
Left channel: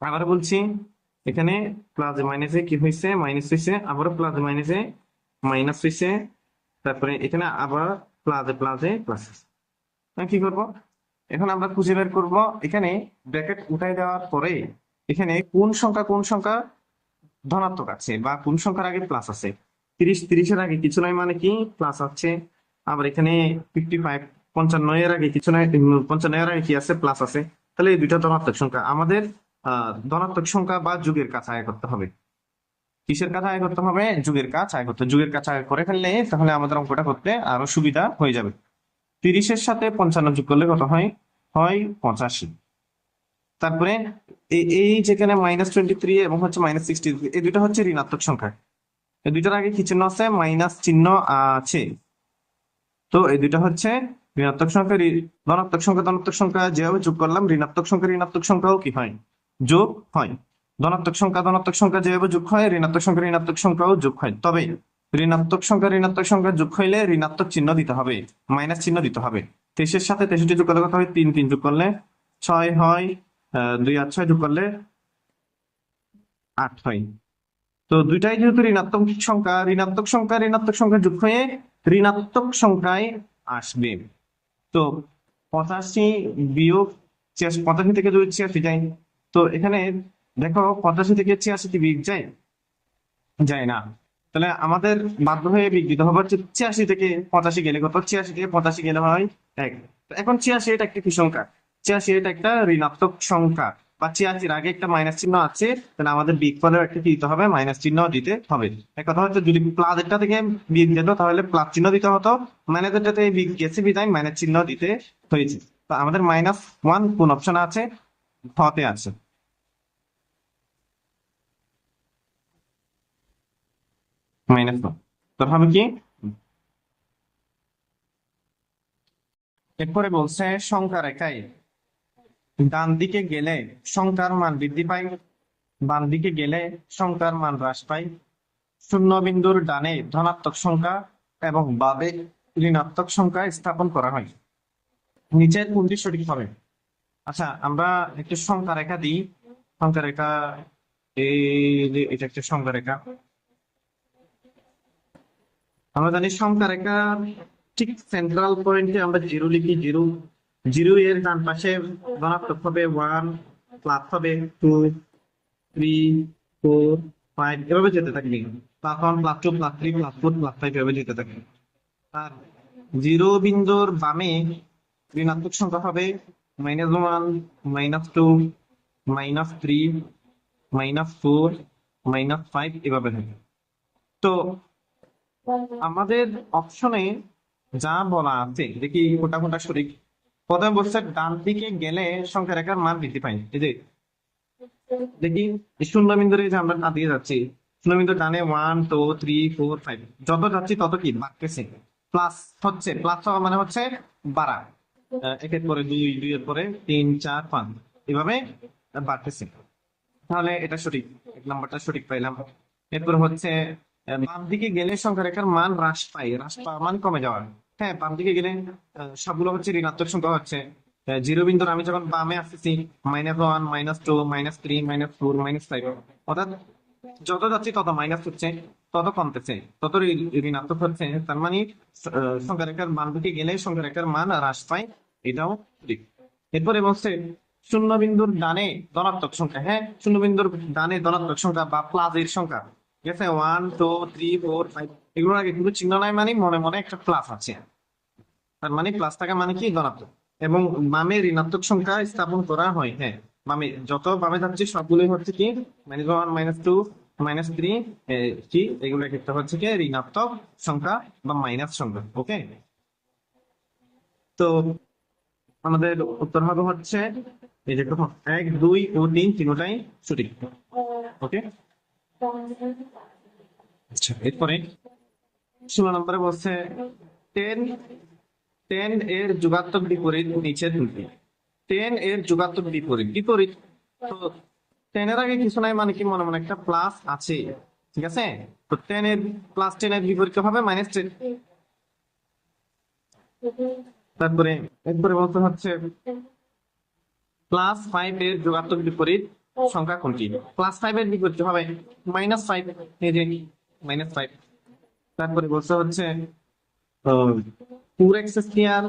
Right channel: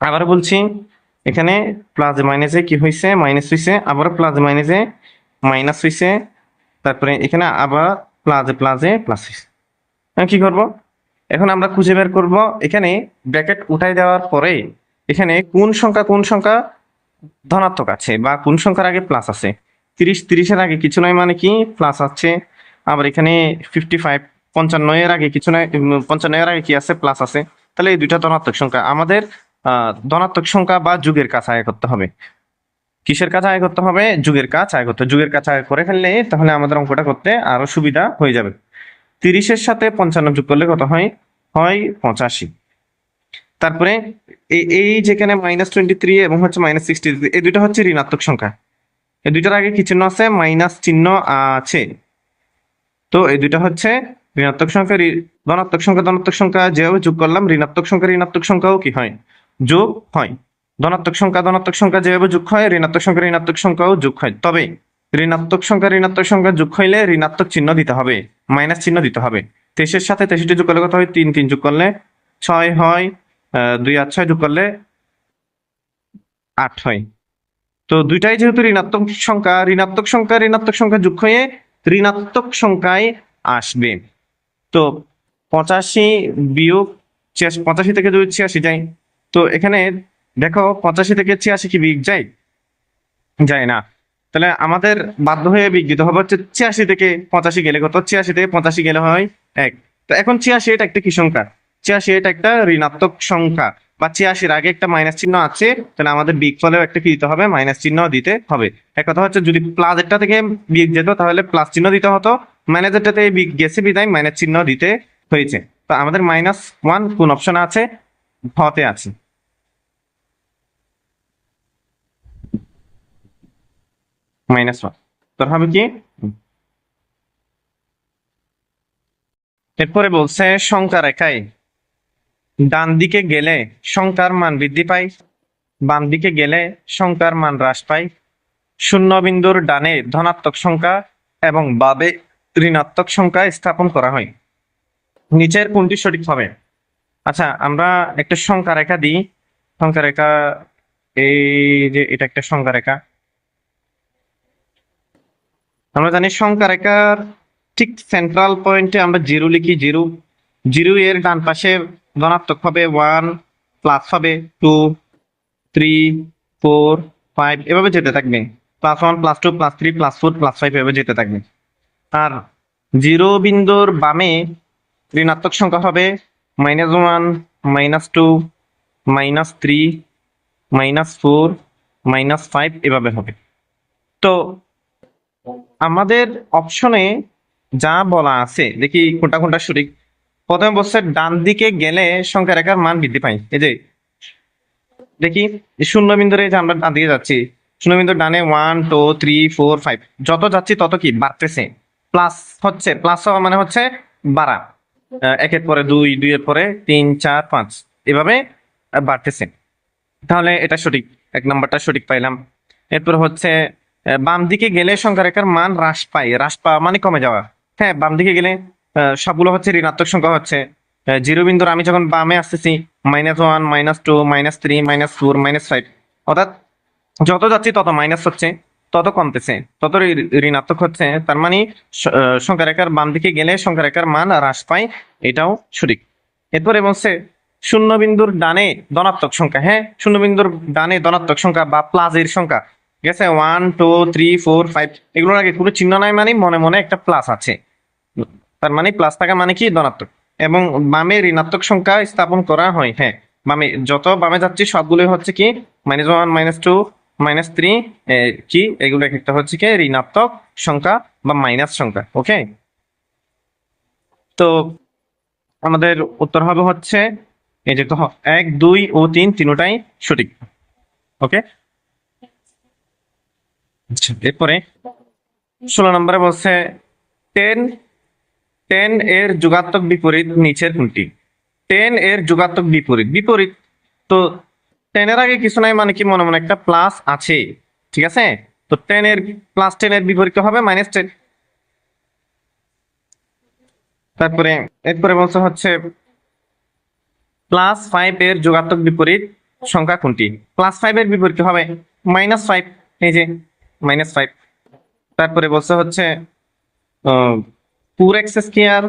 আবার বলছি এখানে প্লাসে মাইনাসে কি হয়েছে? মাইনাস হয়েছে, আবার প্লাসে মাইনাসে মাইনাস হয়েছে, তারপরে এখানে আবার প্লাসে প্লাসে প্লাস হয়েছে। কি করব? এখন আমরা খুঁজে বের করব এখানে ব্র্যাকেট উঠাই দেওয়ার পরে এখানে কোন সংখ্যা কোন সংখ্যা ধনাত্মক আছে বা কোন সংখ্যার আগে প্লাস আছে। 30-30-এর আগে কিছু নয় মানে কি? প্লাস আছে। আবার এখানে 55 55-এর আগে কিছু নয়, 55-এর আগে কি আছে? প্লাস আছে। তাহলে এই দুইটা ধনাত্মক সংখ্যা, আমাদের ধনাত্মক সংখ্যা বা যুগের কাজ আয় করতে হবে। কিসের কাজ আয় করতে হবে? যুগের কাজ আয় করতে। যুগের কাজ আয় করে ফেললে তাহলে আমাদের অঙ্কটা করতে আরো সুবিধা হয়ে যাবে। 30-এর সাথে 55 যোগ করলে কত হয়? হয় 85। তারপরে এই যেখানে -23 এবং হচ্ছে -63, এই দুইটা হচ্ছে ঋণাত্মক সংখ্যা। এই দুইটার আগে কি চিহ্ন আছে? মাইনাস চিহ্ন আছে। তো এই দুইটা হচ্ছে ঋণাত্মক সংখ্যা। ধনাত্মক সংখ্যা ধনাত্মক সংখ্যা যেভাবে যোগ করলাম, ঋণাত্মক সংখ্যা ঋণাত্মক সংখ্যাও কি হয়? যোগ হয়। ধনাত্মক সংখ্যা ধনাত্মক সংখ্যা যেভাবে যোগ হয়, ঋণাত্মক সংখ্যা ঋণাত্মক সংখ্যাও যোগ হয়। তবে ঋণাত্মক সংখ্যা ঋণাত্মক সংখ্যা যোগ হইলে ঋণাত্মক চিহ্ন দিতে হবে, মাইনাস চিহ্ন দিতে হবে। 23-এর সাথে 63 যোগ করলে কত হয়? 3 3 যোগ করলে 6 হয়। 2 আর 6 যোগ করলে 8 হয়। তো দুইটাই যেহেতু ঋণাত্মক সংখ্যা, ঋণাত্মক সংখ্যা ঋণাত্মক সংখ্যা যোগ হয়ে ঋণাত্মক সংখ্যায় আসবে। তো 85 বিয়োগ 85 থেকে যদি 86 যায়, তো এখানে দেখো 85 থেকে 86 কি বিয়োগ যায়? যায় না। তাহলে আমাদের বাধ্য হয়ে বিয়োগ দিতে হবে হচ্ছে 86 থেকে 85 গেলে কত? 86 থেকে 85 গেলে হয় 1। তো এখন 86 এটা একটা কি সংখ্যা? 86 এটা একটা ঋণাত্মক সংখ্যা, বা 86-এর আগে একটা মাইনাস চিহ্ন আছে, তাহলে আমাদের বিয়োগফলেও একটা কি দিতে হবে? মাইনাস চিহ্ন দিতে হবে। এক কথা হচ্ছে যদি প্লাসেরটা থেকে বিয়োগ যেত তাহলে প্লাস চিহ্ন দিতে হতো, মাইনাসেরটা থেকে বিয়োগ গেছে বিদায় মাইনাস চিহ্ন দিতে হয়েছে। তো আমাদের -1 কোন অপশনে আছে? হতে আছে। -1 তোর হবে কি? এরপরে বলছে সংখ্যা রেখায় ডান দিকে গেলে সংখ্যার মান বৃদ্ধি পায়, বাম দিকে গেলে সংখ্যার মান হ্রাস পায়, শূন্য বিন্দুর ডানে ধনাত্মক সংখ্যা এবং বামে ঋণাত্মক সংখ্যা স্থাপন করা হয়। নিচের কোনটি সঠিক হবে? আচ্ছা, আমরা একটা সংখ্যা রেখা দিই। সংখ্যা রেখা, এই যে এটা একটা সংখ্যা রেখা। আমরা জানি সংখ্যা রেখার ঠিক সেন্ট্রাল পয়েন্টে আমরা জিরো লিখি। জিরো, জিরো এর ডান পাশে ধনাত্মক হবে 1, প্লাস হবে 2, 3, 4, 5, এভাবে যেতে থাকবে। +1, +2, +3, +4, +5 এভাবে যেতে থাকবে। আর জিরো বিন্দুর বামে ঋণাত্মক সংখ্যা হবে -1, -2, -3, -4, -5 এভাবে হবে। তো আমাদের অপশনে যা বলা আছে, দেখি কোনটা কোনটা সঠিক। প্রথমে বলছে ডান দিকে গেলে সংখ্যা রেখার মান বৃদ্ধি পায়। এই যে দেখি শূন্য বিন্দুরে, যে আমরা ডান দিকে যাচ্ছি, শূন্য বিন্দুর ডানে 1, 2, 3, 4, 5, যত যাচ্ছি তত কি বাড়তেছে। প্লাস হচ্ছে, প্লাস হওয়া মানে হচ্ছে বাড়া। একের পরে 2, 2 এর পরে 3, 4, 5 এভাবে বাড়তেছে। তাহলে এটা সঠিক, 1 নাম্বারটা সঠিক পাইলাম। এরপর হচ্ছে বাম দিকে গেলে সংখ্যা রেখার মান হ্রাস পায়। হ্রাস পাওয়া মানে কমে যাওয়া। হ্যাঁ, বাম দিকে গেলে সবগুলো হচ্ছে ঋণাত্মক সংখ্যা হচ্ছে। জিরো বিন্দুর আমি যখন বামে আসতেছি, -1, -2, -3, -4, -5, অর্থাৎ যত যাচ্ছি তত মাইনাস হচ্ছে, তত কমতেছে, তত ঋণাত্মক হচ্ছে। তার মানে সংখ্যা রেখার বাম দিকে গেলে সংখ্যা রেখার মান হ্রাস পায়, এটাও সঠিক। এরপরে বলছে শূন্য বিন্দুর ডানে ধনাত্মক সংখ্যা। হ্যাঁ, শূন্য বিন্দুর ডানে ধনাত্মক সংখ্যা বা প্লাসের সংখ্যা, ঠিক আছে, 1, 2, 3, 4, 5 এগুলোর আগে কোনো চিহ্ন নাই, মানে মনে মনে একটা প্লাস আছে। তার মানে প্লাস থাকা মানে কি? ধনাত্মক। এবং বামে ঋণাত্মক সংখ্যা স্থাপন করা হয়। হ্যাঁ, বামে যত বামে যাচ্ছি সবগুলোই হচ্ছে কি -1, -2, -3, কি এগুলো একটা হচ্ছে কি ঋণাত্মক সংখ্যা বা মাইনাস সংখ্যা। ওকে, তো আমাদের উত্তর হবে হচ্ছে এই যে 1, 2 ও 3 তিনটাই সঠিক। ওকে, আচ্ছা, এরপরে 16 নম্বরে বলছে 10 10 এর যোগাত্মক বিপরীত নিচের কোনটি? 10 এর যোগাত্মক বিপরীত, বিপরীত তো 10 এর আগে কিছু নাই মানে কি মনে মনে একটা প্লাস আছে, ঠিক আছে। তো 10 এর +10 এর বিপরীত হবে -10। তারপরে এরপরে বলছে হচ্ছে +5 এর যোগাত্মক বিপরীত সংখ্যা কোনটি? +5 এর বিপরীত হবে -5, এই যে -5। তারপরে বলছে হচ্ছে 4x²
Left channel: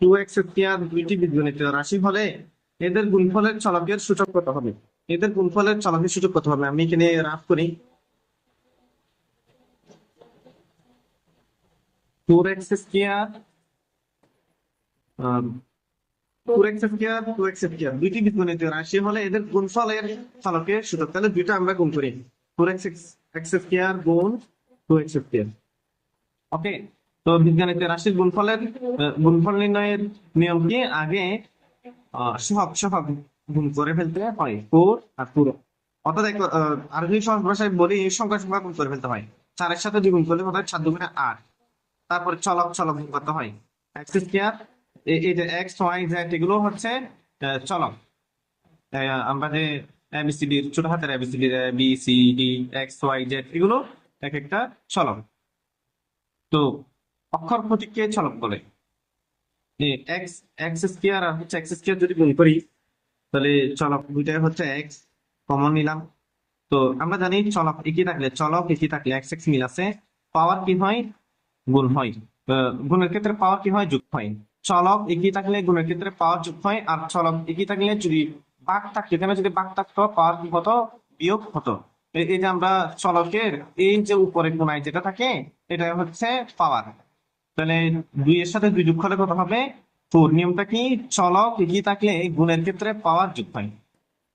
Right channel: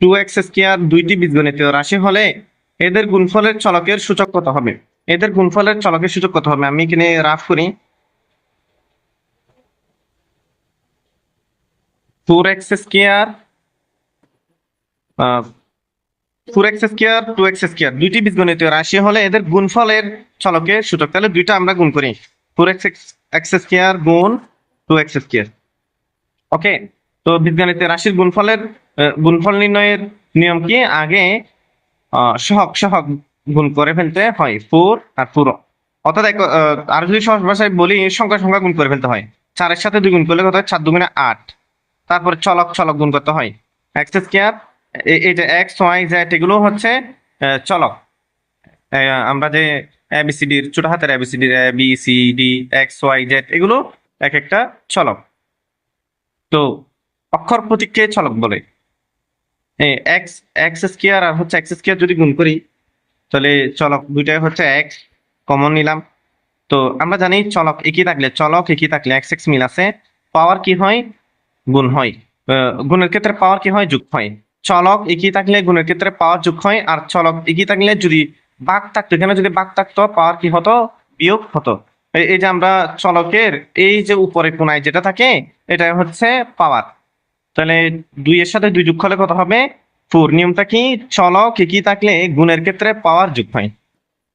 2x² দুইটি বীজগণিতীয় রাশি হলে এদের গুণফলের চলকের সূচক কত হবে? এদের গুণফলের চলকের সূচক কত হবে? আমি এখানে রাফ করি। 4x² 4x² 2x² দুইটি বীজগণিতীয় রাশি হলে এদের গুণফলের চলকের সূচক, তাহলে দুইটা আমরা গুণ করি, 4x² গুণ 2x²। ওকে, তো বীজগণিতের রাশির গুণফল নির্ণয়ের নিয়ম কি? আগে সহগ সহগ গুণ করে ফেলতে হয়, 4 আর 4। অর্থাৎ আর যদি সহজ ভাষায় বলি, সংখ্যা সংখ্যা গুণ করে ফেলতে হয়। 4-এর সাথে 2 গুণ করলে কত হয়? 4 2 8। তারপরে চলক চলক গুণ করতে হয়, এক্স স্কয়ার, এই যে এক্স ওয়াই জেড এগুলো হচ্ছে চলক। আমরা যে এবিসিডির ছোট হাতের এবিসিডির A B C D X Y Z এগুলো এক একটা চলক। তো অক্ষর প্রতীককে চলক বলে। এক্স এক্স স্কয়ার আর হচ্ছে এক্স স্কয়ার যদি গুণ করি, তাহলে চলক দুইটাই হচ্ছে এক্স, কমন নিলাম। তো আমরা জানি চলক একই থাকলে এক্স এক্স মিল আছে, পাওয়ার কি হয়? গুণ হয়। গুণের ক্ষেত্রে পাওয়ার কি হয়? যোগ হয়। চলক একই থাকলে গুণের ক্ষেত্রে পাওয়ার যোগ হয়, আর চলক একই থাকলে যদি ভাগ থাকতো, এখানে যদি ভাগ থাকতো পাওয়ার কি হতো? বিয়োগ হতো। এই যে আমরা চলকের এই যে উপরে কোণায় যেটা থাকে, এটা হচ্ছে পাওয়ার। তাহলে 2 এর সাথে 2 যোগ করলে কত হবে? 4। নিয়মটা কি? চলক একই থাকলে গুণের ক্ষেত্রে পাওয়ার যোগ হয়।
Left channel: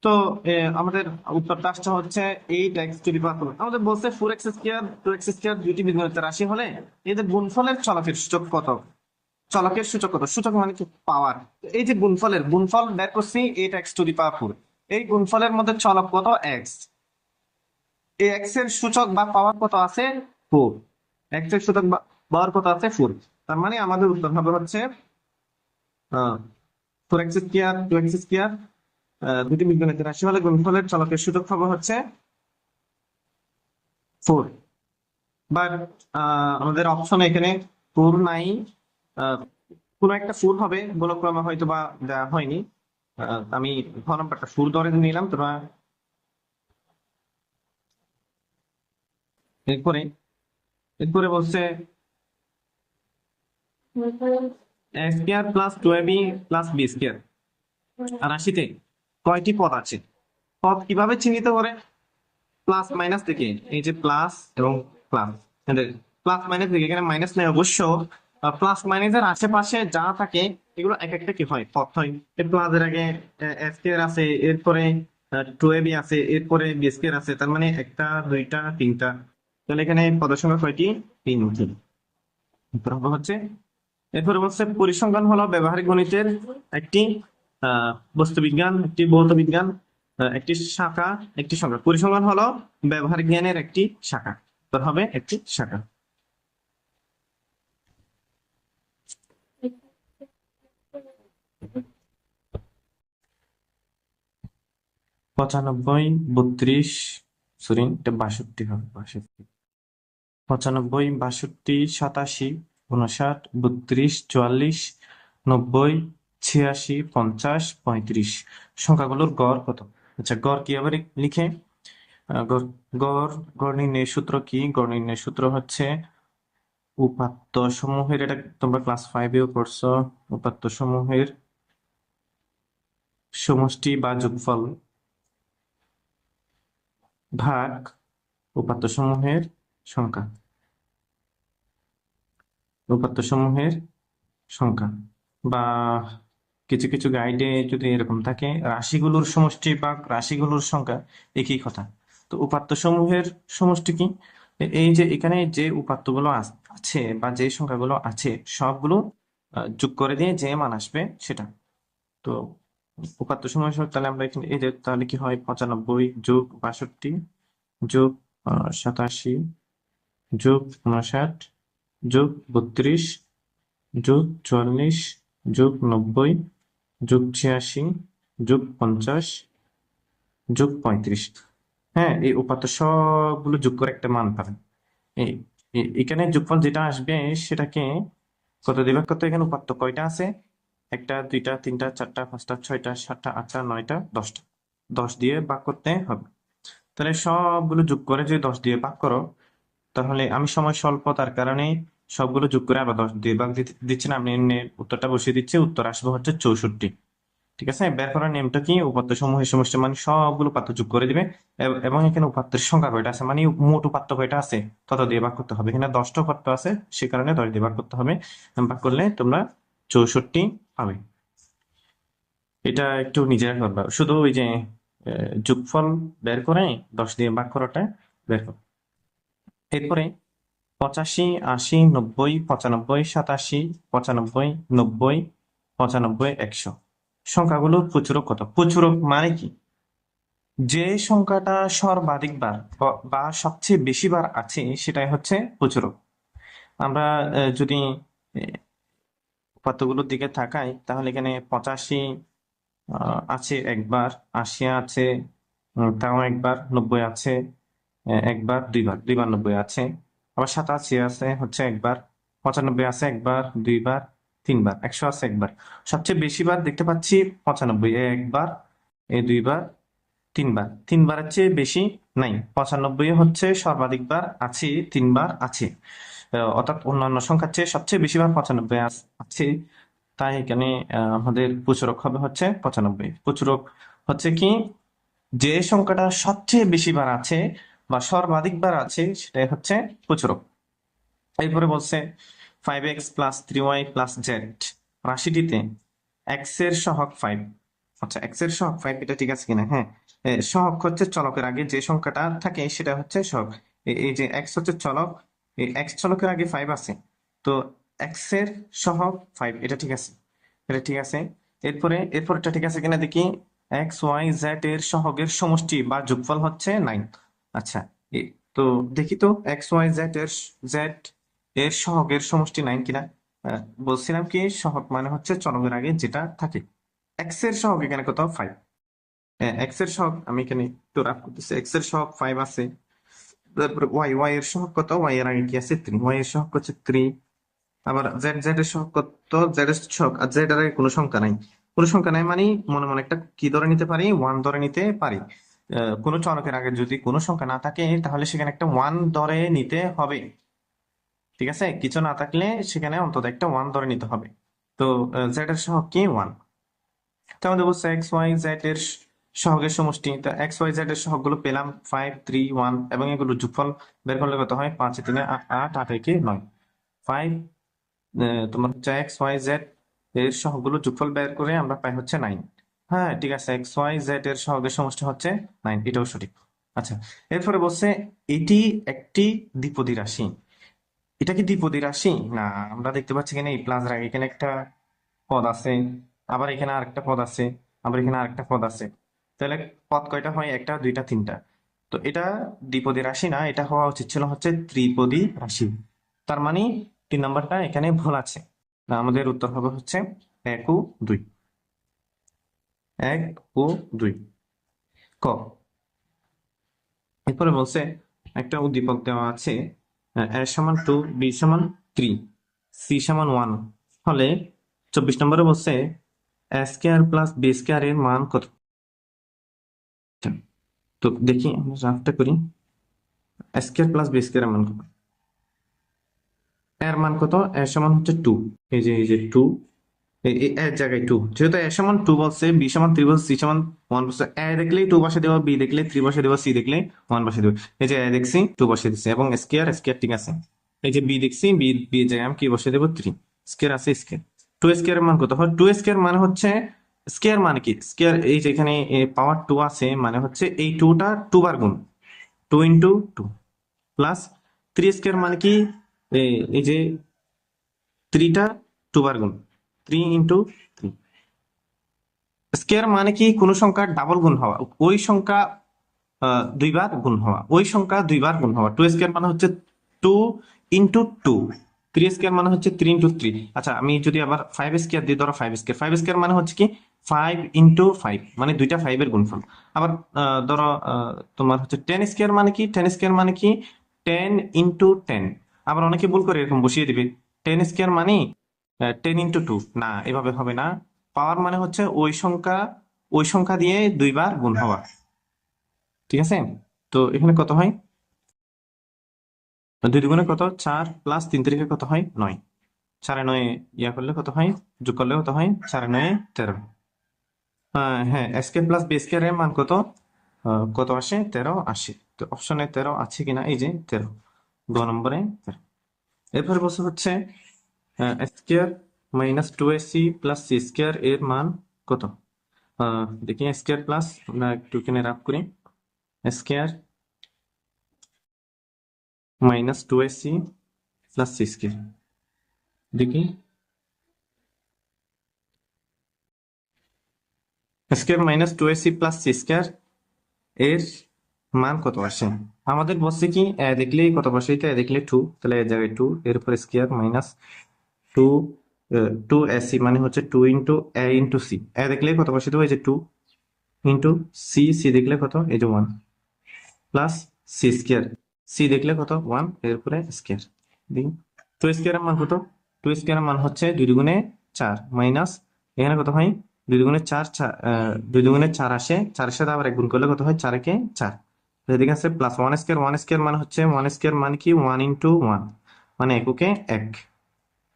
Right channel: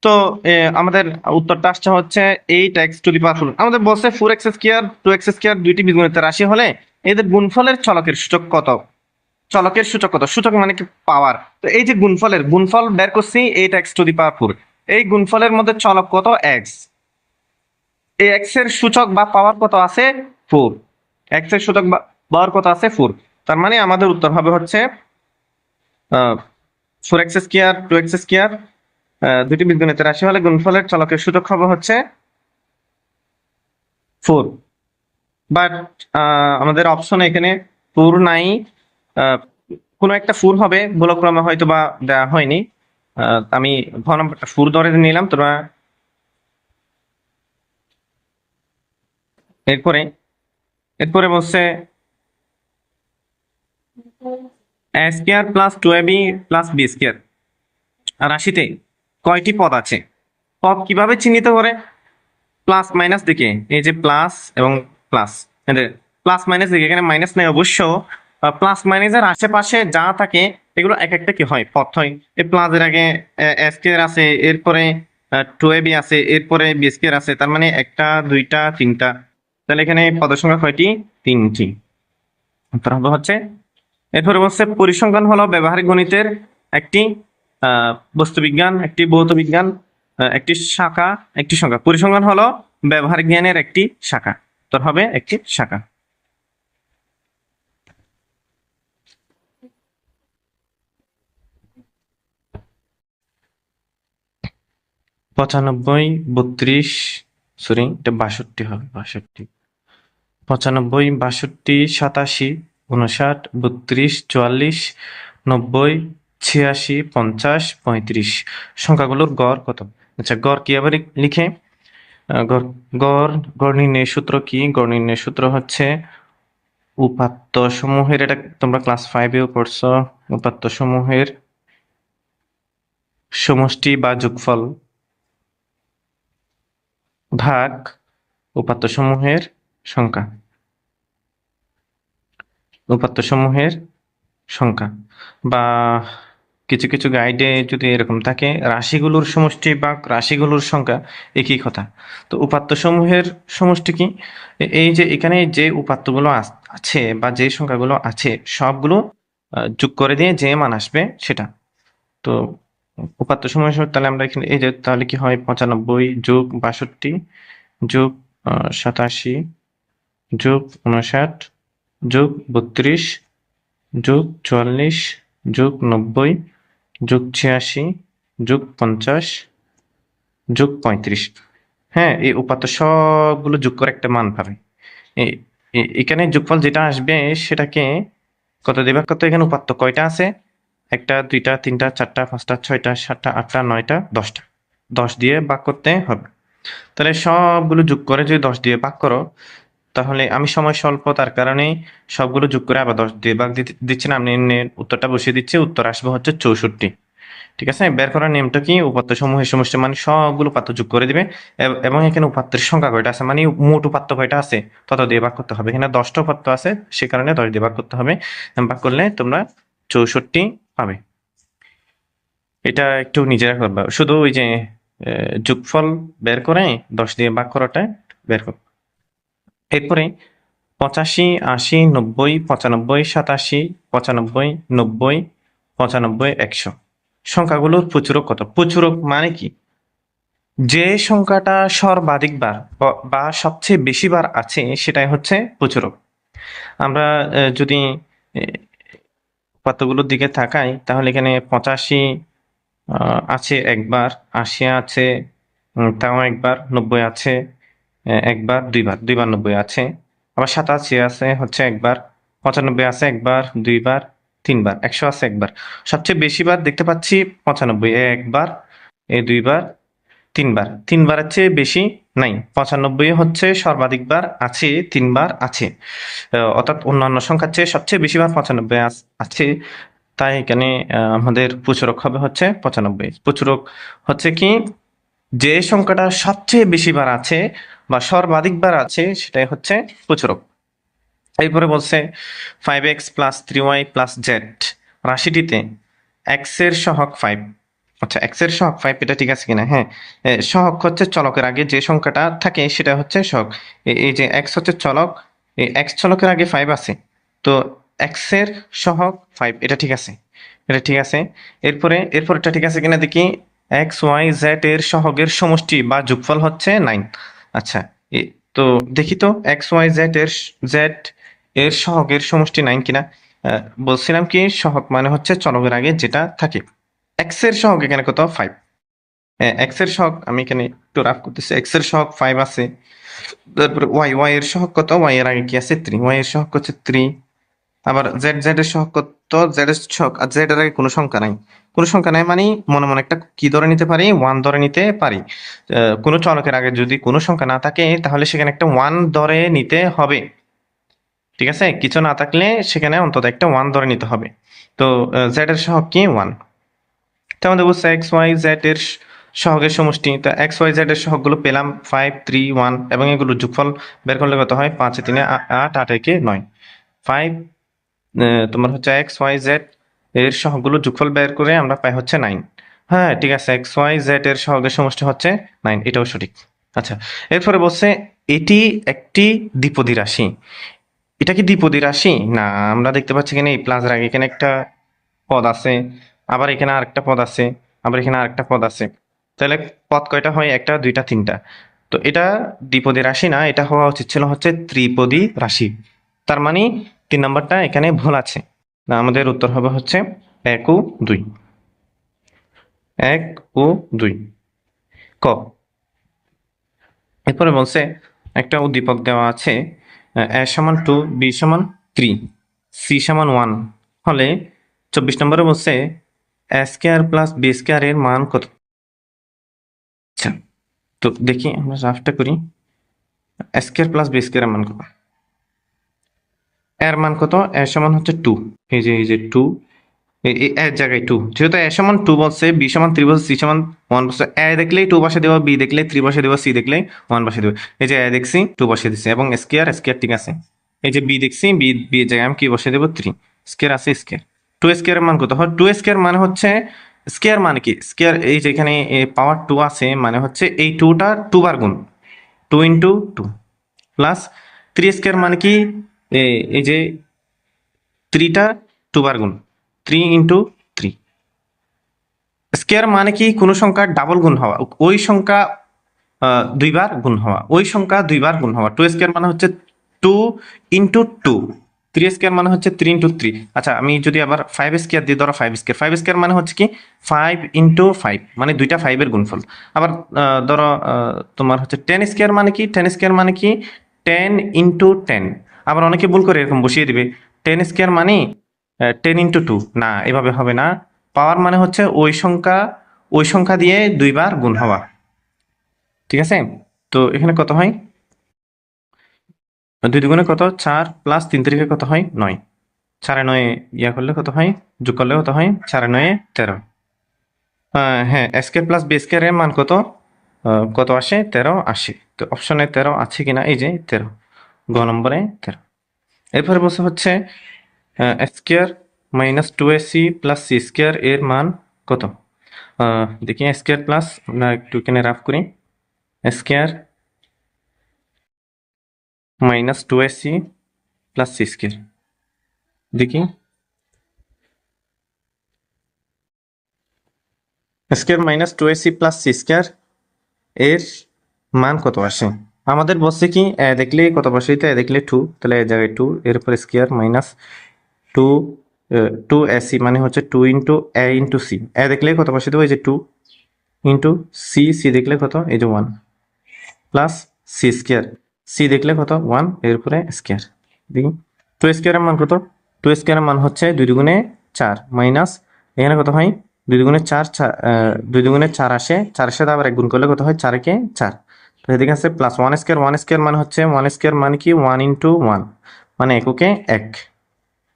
তো আমাদের উত্তরটা আসছে হচ্ছে 8x⁴। আমাদের বলছে 4x², 2x² দুইটি বীজগণিতের রাশি হলে এদের গুণফলের চলকের সূচক কত? চলকের সূচক কত? সূচক মানে কি? পাওয়ার। তো এই যে গুণফল বের করছি 8x⁴, এই গুণফলের মধ্যে চলক কত? x। এই x এর সূচক বা পাওয়ার কত আছে? 4। x এর সূচক বা পাওয়ার কত আছে? 4। তার মানে আমাদের উত্তর হবে হচ্ছে 4x², 2x², দুটি বীজগণিতের রাশি হলে গুণফলের চলকের সূচক হবে হচ্ছে 4। বাট আমাদের অপশন এখানে 4 নাই। কোনো একটা 4 হবে, ভুলক্রমে হয়তো বা দেওয়া হয়নি। আমি ঘ নম্বরটা 4 ধরে নিলাম। তোমরা এরপরে এরপরে বলছে a square plus 2ab plus b square রাশিতে কয়টি পদ আছে? পদ কিভাবে চিহ্নিত করে? প্লাস মাইনাস দিকে, এই যে প্লাস এবং প্লাস, প্লাস মাইনাস দিকে, এখানে মাইনাস নেই অবশ্য। প্লাস মাইনাসের আশেপাশে যা থাকে এগুলো এক একটা কি হয়? পদ হয়। এই প্লাস এর আগে স্কয়ার আছে, এরপরে 2ab আছে, এরপরে বি স্কয়ার আছে, তার মানে একটা দুইটা তিনটা। তাহলে এখানে পদের সংখ্যা কয়টি? 3টি। উত্তর হবে হচ্ছে। এরপরে বলছে পরিসংখ্যান হলো ব্যবহারিক গণিতের একটি বস্তুবিজ্ঞান, একটি ভৌত বিজ্ঞান, একটি শাখা, একটি সংখ্যা। পরিসংখ্যান হলো ব্যবহারিক জ্ঞানের একটি শাখা। উত্তর হবে একটি শাখা। পঁচানব্বই, 32, সরি এটা 62 হবে, 62। 95, 62, 87, 59, 32, 44, 90, 86, 50, 35। সংখ্যাগুলোর গড় কত? আচ্ছা, গড় কিভাবে লিখে? গড় গড় গড় নির্ণয়ের সূত্র কি? গড় নির্ণয়ের সূত্র হচ্ছে উপাত্ত সমূহের, এটা তোমরা ক্লাস 5-এও পড়ছো, উপাত্ত সমূহের সমষ্টি বা যোগফল ভাগ উপাত্ত সমূহের সংখ্যা। উপাত্ত সমূহের সংখ্যা, বা কিছু কিছু গাইডে যদি এরকম থাকে রাশিগুলোর সমষ্টি বা রাশিগুলোর সংখ্যা, একই কথা। তো উপাত্ত সমূহের সমষ্টি কি? এই যে এখানে যে উপাত্তগুলো আছে বা যে সংখ্যাগুলো আছে সবগুলো যোগ করে দিয়ে যে মান আসবে সেটা। তো উপাত্ত সমূহের তাহলে আমরা এখানে এই যে তাহলে কি হয়? 95 যোগ 62 যোগ 87 যোগ 59 যোগ 32 যোগ 44 যোগ 90 যোগ 86 যোগ 50 যোগ 35। হ্যাঁ, এই উপাত্ত সবগুলো যোগ করে একটা মান পাবে। এখানে যোগফল যেটা আসবে সেটাকে কত দিয়ে ভাগ করতে? এখানে উপাত্ত কয়টা আছে? 1টা 2টা 3টা 4টা 5টা 6টা 7টা 8টা 9টা 10টা, 10 দিয়ে ভাগ করতে হবে। তাহলে সবগুলো যোগ করে যদি 10 দিয়ে ভাগ করো, তাহলে আমি সময় স্বল্পতার কারণে সবগুলো যোগ করে আবার 10 দিয়ে ভাগ দিচ্ছি না, আমি উত্তরটা বসিয়ে দিচ্ছি। উত্তর আসবে হচ্ছে 64। ঠিক আছে? বের করার নিয়মটা কি? উপাত্ত সমূহের সমষ্টি মানে সবগুলো উপাত্ত যোগ করে দিবে, এবং এখানে উপাত্তের সংখ্যা কয়টা আছে মানে মোট উপাত্ত কয়টা আছে তত দিয়ে ভাগ করতে হবে। এখানে 10টা উপাত্ত আছে, সে কারণে 10 দিয়ে ভাগ করতে হবে। ভাগ করলে তোমরা 64 পাবে। এটা একটু নিজেরা করবে, শুধু ওই যে যোগফল বের করে 10 দিয়ে ভাগ করাটা বের কর। এরপরে 85, 80, 90, 95, 87, 95, 90, 95, 100। সংখ্যাগুলোর প্রচুরক কত? প্রচুরক মানে কি? যে সংখ্যাটা সর্বাধিক বার বা সবচেয়ে বেশি বার আছে সেটাই হচ্ছে প্রচুরক। আমরা যদি কতগুলোর দিকে তাকাই তাহলে এখানে 85 আছে একবার, 80 আছে তাও একবার, 90 আছে একবার, দুইবার 90 আছে, আবার 87 আছে হচ্ছে একবার, 95 আছে একবার, দুইবার, তিনবার, 100 আছে একবার। সবচেয়ে বেশি বার দেখতে পাচ্ছি 95, একবার, দুইবার, তিনবারের চেয়ে বেশি নাই। 95 হচ্ছে সর্বাধিকবার আছে, তিনবার আছে। অর্থাৎ অন্যান্য সংখ্যার চেয়ে সবচেয়ে বেশি বার 95 আছে। তাই এখানে আমাদের প্রচুরক হবে হচ্ছে 95। প্রচুরক হচ্ছে কি, যে সংখ্যাটা সবচেয়ে বেশি বার আছে বা সর্বাধিকবার আছে সেটাই হচ্ছে প্রচুরক। এরপরে বলছে 5x plus 3y plus Z রাশিটিতে x এর সহগ 5। আচ্ছা, x এর সহগ 5 এটা ঠিক আছে কিনা? হ্যাঁ, সহগ হচ্ছে চলকের আগে যে সংখ্যাটা থাকে সেটা হচ্ছে সহগ। এই যে x হচ্ছে চলক, এই x চলকের আগে 5 আছে, তো x এর সহগ 5 এটা ঠিক আছে, এটা ঠিক আছে। এরপর এটা ঠিক আছে কিনা দেখি। x y z এর সহগের সমষ্টি বা যোগফল হচ্ছে 9। আচ্ছা, তো দেখি তো x y z এর সহগের সমষ্টি 9 কিনা। বলছিলাম কি সহগ মানে হচ্ছে চলকের আগে যেটা থাকে। x এর সহগ এখানে কত? 5। x এর সহগ আমি এখানে একটু রাফ করতেছি। x এর সহগ 5 আছে। তারপরে y এর সহগ কত? y এর আগে কি আছে? 3। y এর সহগ হচ্ছে 3। আবার z এর সহগ কত? z এর সহগ, আর z এর আগে কোনো সংখ্যা নাই। কোনো সংখ্যা নাই মানে মনে মনে একটা কি ধরে নিতে পারি? 1 ধরে নিতে পারি। কোনো চলকের আগে যদি কোনো সংখ্যা না থাকে তাহলে সেখানে একটা 1 ধরে নিতে হবে। ঠিক আছে, কিছু না থাকলে সেখানে অন্তত একটা 1 ধরে নিতে হবে। তো z এর সহগ কি? 1। তো আমাদের বলছে এক্স ওয়াই জেড এর সহগের সমষ্টি। তো এক্স ওয়াই জেড এর সহগগুলো পেলাম 5, 3, 1 এবং এগুলো যোগফল বের করলে কত হয়? 5 3 8, 8 একে 9। 5 তোমার হচ্ছে এক্স ওয়াই জেড এর সহগগুলো যোগফল বের করে আমরা পাই হচ্ছে 9। হ্যাঁ ঠিক আছে, এক্স ওয়াই জেড এর সহগের সমষ্টি হচ্ছে 9, এটাও সঠিক। আচ্ছা, এরপরে বলছে এটি একটি দ্বিপদী রাশি। এটা কি দ্বিপদী রাশি? না, আমরা দেখতে পাচ্ছি এখানে এই প্লাস এর আগে এখানে একটা পদ আছে, আবার এখানে আরেকটা পদ আছে, আবার এখানে আরেকটা পদ আছে। তাহলে পদ কয়টা হয়? একটা, দুইটা, তিনটা। তো এটা দ্বিপদী রাশি না, এটা হওয়া উচিত ছিল হচ্ছে ত্রিপদী রাশি। তার মানে 3 নম্বরটা এখানে ভুল আছে। না, আমাদের উত্তর হবে হচ্ছে 1 ও 2। 1 ও 2 ক। এরপরে বলছে একটা উদ্দীপক দেওয়া আছে, a সমান 2, b সমান 3, c সমান 1 হলে 24 নম্বরে বলছে a square plus b square এর মান কত? আচ্ছা, তো দেখি আমরা রাফটা করি। a square plus b square এর মান কত? এর মান কত? a সমান হচ্ছে 2। এই যে 2, এর জায়গায় 2, যেহেতু a সমান 2 বলছে, b সমান 3 বলছে, c সমান 1 বলছে, a দেখলেই 2 বসে দেওয়া, b দেখলে 3 বসে দেওয়া, c দেখলে 1 বসে দেওয়া। এই যে a দেখছি 2 বসে দিচ্ছে এবং স্কয়ার স্কয়ার ঠিক আছে। এই যে b দেখছি, b এর জায়গায় আমি কি বসে দেবো? 3। স্কয়ার আছে স্কয়ার। 2 স্কয়ার এর মান কত হয়? 2 স্কয়ার মানে হচ্ছে, স্কয়ার মানে কি? স্কয়ার এই যে এখানে পাওয়ার 2 আছে মানে হচ্ছে এই 2টা 2 বার গুণ, 2 ইন্টু 2 প্লাস 3 স্কয়ার মানে কি? এই যে 3টা 2 বার গুণ, 3 ইন্টু 3। স্কয়ার মানে কি? কোনো সংখ্যার ডাবল গুণ হওয়া, ওই সংখ্যা দুইবার গুণ হওয়া, ওই সংখ্যা দুইবার গুণ হওয়া। 2 স্কয়ার মানে হচ্ছে 2 ইন্টু 2। 3 স্কয়ার মানে হচ্ছে 3 ইন্টু 3। আচ্ছা, আমি যদি আবার 5 স্কয়ার দিই, ধরো 5 স্কয়ার, 5 স্কয়ার মানে হচ্ছে কি 5 ইন্টু 5, মানে দুইটা 5 এর গুণফল। আবার ধরো তোমার হচ্ছে 10 স্কয়ার মানে কি? 10 স্কয়ার মানে কি 10 ইন্টু 10। আবার অনেকে ভুল করে এরকম বসিয়ে দিবে 10 স্কয়ার মানে 10 ইন্টু 2। না, এভাবে হবে না। পাওয়ার মানে হচ্ছে ওই সংখ্যা দিয়ে দুইবার গুণ হওয়া। ঠিক আছে, তো এখানে কত হয়? 2 দুগুণে কত? 4 প্লাস 3 তারিখে কত হয়? 9। 4 9 ইয়া করলে কত হয়? যোগ করলে কত হয়? 4 9 13। হ্যাঁ, স্কয়ার প্লাস বি স্কয়ার এর মান কত? কত আসে? 13 আসে। তো অপশনে 13 আছে কিনা? এই যে 13, গ নম্বরে 13। এরপরে বলছে হচ্ছে square minus 2ac plus C square এর মান কত? দেখি স্কয়ার প্লাস, আমরা একটু এখানে রাফ করি। Square minus 2ac plus C square. দেখি square minus two A C plus C square এর মান কত আসে? আমাদের বলছে কি দেখলে কত বসাইতে, দেখলে টু, তাহলে এই জায়গায় টু, এর উপরে square minus two, two A C মানে হচ্ছে two into A into C. A দেখলে কত বসাইতে হবে, এই যে টু ইন্টু সি, সি দেখলে কত, এই যে one, plus C square, C দেখলে কত ওয়ান, এর উপরে স্কোয়ার। দেখি টু স্কোয়ারের মান কত, টু স্কোয়ারের মান হচ্ছে দুই দুগুণে চার, মাইনাস এখানে কত হয়, দুই দুগুণে চার, দুই দুগুণে চার আসে, চারের সাথে আবার এক গুণ করলে কত হয়, চারকে চার, তো এদিকে আছে plus one square, one square মানে হচ্ছে, ওয়ান স্কোয়ার মানে কি, ওয়ান ইন্টু ওয়ান, মানে এককে এক,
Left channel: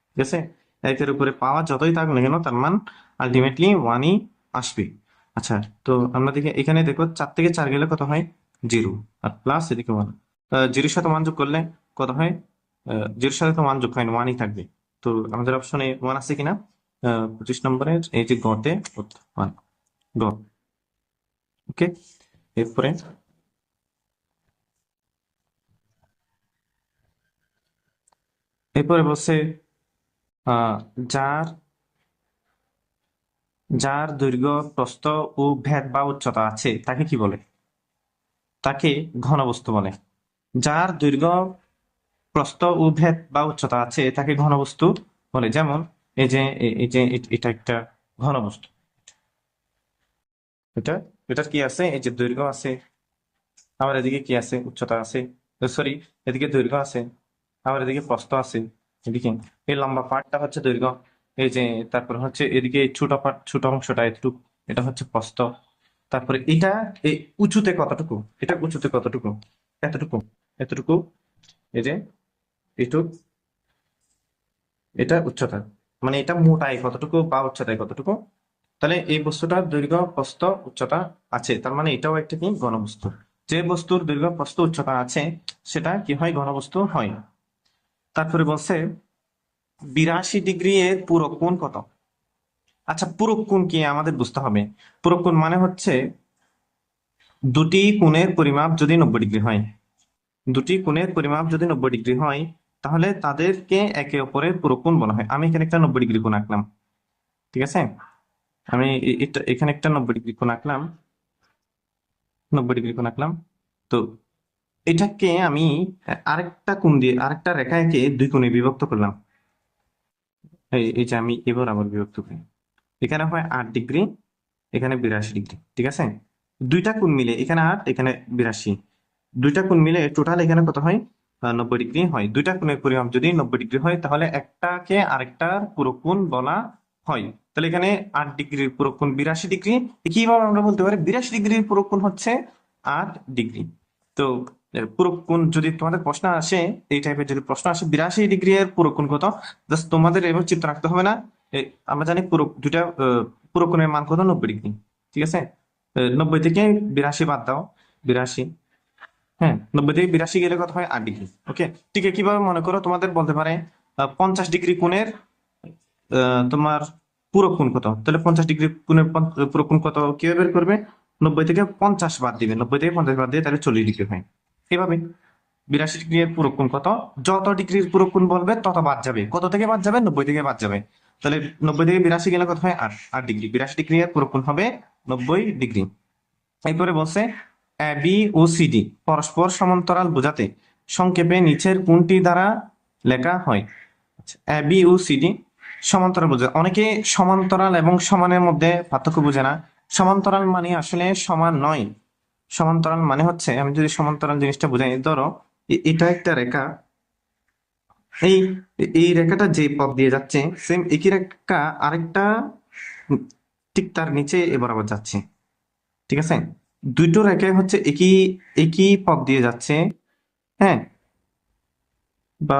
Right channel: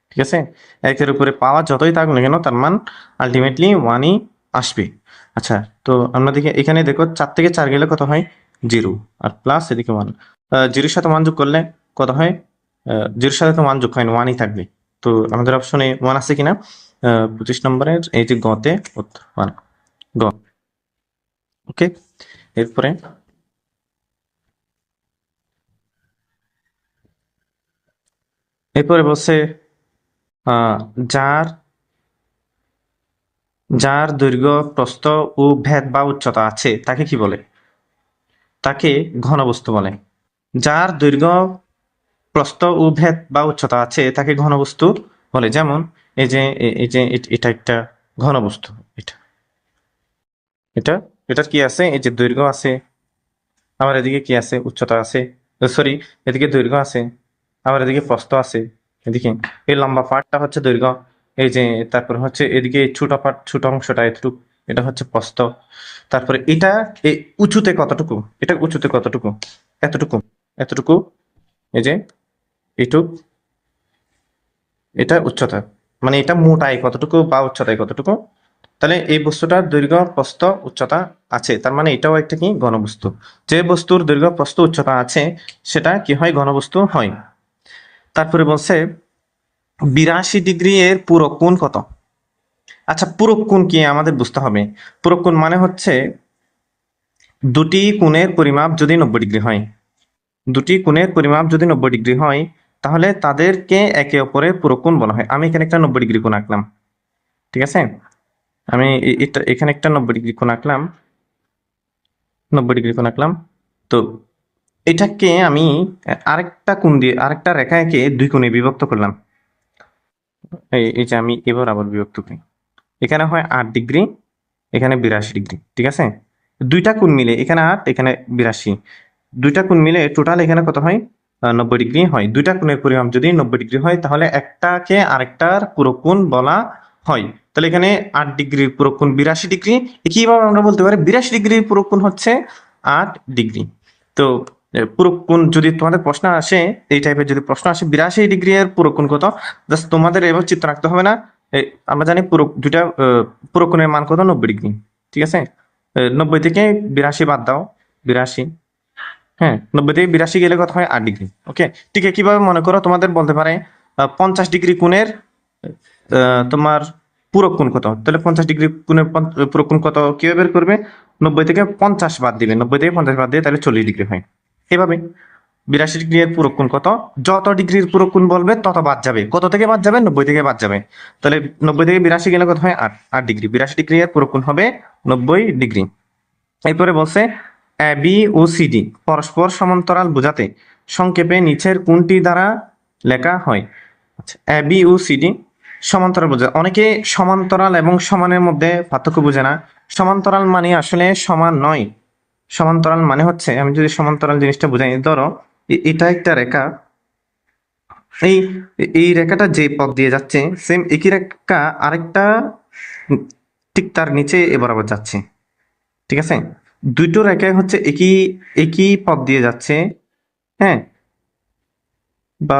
ঠিক আছে। একের উপরে পাওয়া যতই থাকুক না কেন তার মান আলটিমেটলি ওয়ানই আসবে। আচ্ছা, তো আমরা দেখি এখানে দেখো চার থেকে চার গেলে কত হয়, জিরো, আর প্লাস এদিকে ওয়ান, জিরোর সাথে ওয়ান যোগ করলে কত হয়, জিরোর সাথে তো ওয়ান যোগ হয় না, ওয়ানই থাকবে। তো আমাদের অপশনে ওয়ান আছে কিনা, 25 নম্বরের এই যে গতে ওয়ান, গ। ওকে, এরপরে এরপরে বলছে আহ যার যার দৈর্ঘ্য প্রস্থ ও ভেদ বা উচ্চতা আছে তাকে কি বলে? তাকে ঘনবস্তু বলে। যার দৈর্ঘ্য প্রস্থ ও ভেদ বা উচ্চতা আছে তাকে ঘনবস্তু বলে। যেমন এটা একটা ঘনবস্তু, এটা এটা এটার কি আছে, এই যে দৈর্ঘ্য আছে, আবার এদিকে কি আছে, উচ্চতা আছে, সরি, এদিকে দৈর্ঘ্য আছে, আবার এদিকে প্রস্থ আছে, এদিকে এই লম্বা পার্টটা হচ্ছে দৈর্ঘ্য, এই যে তারপর হচ্ছে এদিকে ছোট পার্ট, ছোট অংশটা এতটুকু, এটা হচ্ছে প্রস্থ। তারপরে এটা এই উঁচুতে কতটুকু, এটা উঁচুতে কতটুকু, এতটুকু, এতটুকু, এই যে এইটুক, এটা উচ্চতা, মানে এটা মোটাই কতটুকু বা উচ্চতায় কতটুকু। তাহলে এই বস্তুটার দৈর্ঘ্য প্রস্থ উচ্চতা আছে, তার মানে এটাও একটা কি ঘনবস্তু। যে বস্তুর দৈর্ঘ্য প্রস্থ উচ্চতা আছে সেটা কি হয়, ঘনবস্তু হয়। তারপরে বলছে 82 ডিগ্রি এর পূরক কোণ কত? আচ্ছা, পূরক কোণ কি আমাদের বুঝতে হবে। পূরক কোণ মানে হচ্ছে দুটি কোণের পরিমাপ যদি 90 ডিগ্রি হয়, দুটি কোণের পরিমাপ যদি 90 ডিগ্রি হয়, তাহলে তাদেরকে একে অপরের পূরক কোণ বলা হয়। আমি এখানে একটা 90 ডিগ্রি কোণ আঁকলাম, ঠিক আছে, আমি এটা এখানে একটা 90 ডিগ্রি কোণ আঁকলাম, 90 ডিগ্রি কোণ আঁকলাম। তো এটাকে আমি আরেকটা কোণ দিয়ে, আরেকটা রেখা এঁকে দুই কোণে বিভক্ত করলাম। এই যে আমি এবার আবার বিভক্ত করি, এখানে হয় 8 ডিগ্রি, এখানে 82 ডিগ্রি, ঠিক আছে। দুইটা কোণ মিলে এখানে 8, এখানে 82, দুইটা কোণ মিলে টোটাল এখানে কত হয়, 90 ডিগ্রি হয়। দুইটা কোণের পরিমাপ যদি 90 ডিগ্রি হয় তাহলে একটাকে আরেকটার পূরক কোণ বলা হয়। তাহলে এখানে 8 ডিগ্রির পূরক কোণ 82 ডিগ্রি, একইভাবে আমরা বলতে পারি 82 ডিগ্রির পূরক কোণ হচ্ছে 8 ডিগ্রি। তো পূরক কোণ যদি তোমাদের প্রশ্ন আসে, এই টাইপের যদি প্রশ্ন আসে 82 ডিগ্রি এর পূরক কোণ কত, জাস্ট তোমাদের এবার চিত্র রাখতে হবে না। আমরা জানি পূরক দুইটা পূরক কোণের মান কত, 90 ডিগ্রি, ঠিক আছে। 90 থেকে 82 বাদ দাও, 82, হ্যাঁ, 90 থেকে 82 গেলে কত হয়, 8 ডিগ্রি। ওকে, ঠিক আছে। কিভাবে মনে করো, তোমাদের বলতে পারে 50 ডিগ্রি কোণের তোমার পূরক কোণ কত, তাহলে 50 ডিগ্রি কোণের পূরক কোণ কত কিভাবে বের করবে, 90 থেকে 50 বাদ দিবে, 90 থেকে 50 বাদ দিয়ে তাহলে 40 ডিগ্রি হয়। এভাবে 82 ডিগ্রি এর পূরক কোণ কত, যত ডিগ্রির পূরক কোণ বলবে তত বাদ যাবে, কত থেকে বাদ যাবে, 90 থেকে বাদ যাবে। তাহলে 90 থেকে 82 গেলে কত হয়, 8, 8 ডিগ্রি। 82 ডিগ্রি এর পূরক কোণ হবে 90 ডিগ্রি। এরপরে বলছে এ বি ও সিডি পরস্পর সমান্তরাল বোঝাতে সংক্ষেপে নিচের কোনটি দ্বারা লেখা হয়? আচ্ছা, এ বি ও সিডি সমান্তরাল বোঝা, অনেকে সমান্তরাল এবং সমানের মধ্যে পার্থক্য বোঝে না। সমান্তরাল মানে আসলে সমান নয়। সমান্তরাল মানে হচ্ছে, আমি যদি সমান্তরাল জিনিসটা বোঝাই, ধরো এটা একটা রেখা, এই এই রেখাটা যে পথ দিয়ে যাচ্ছে সেম একই রেখা আরেকটা ঠিক তার নিচে বরাবর যাচ্ছে, ঠিক আছে। দুটো রেখায় হচ্ছে একই একই পথ দিয়ে যাচ্ছে, হ্যাঁ, বা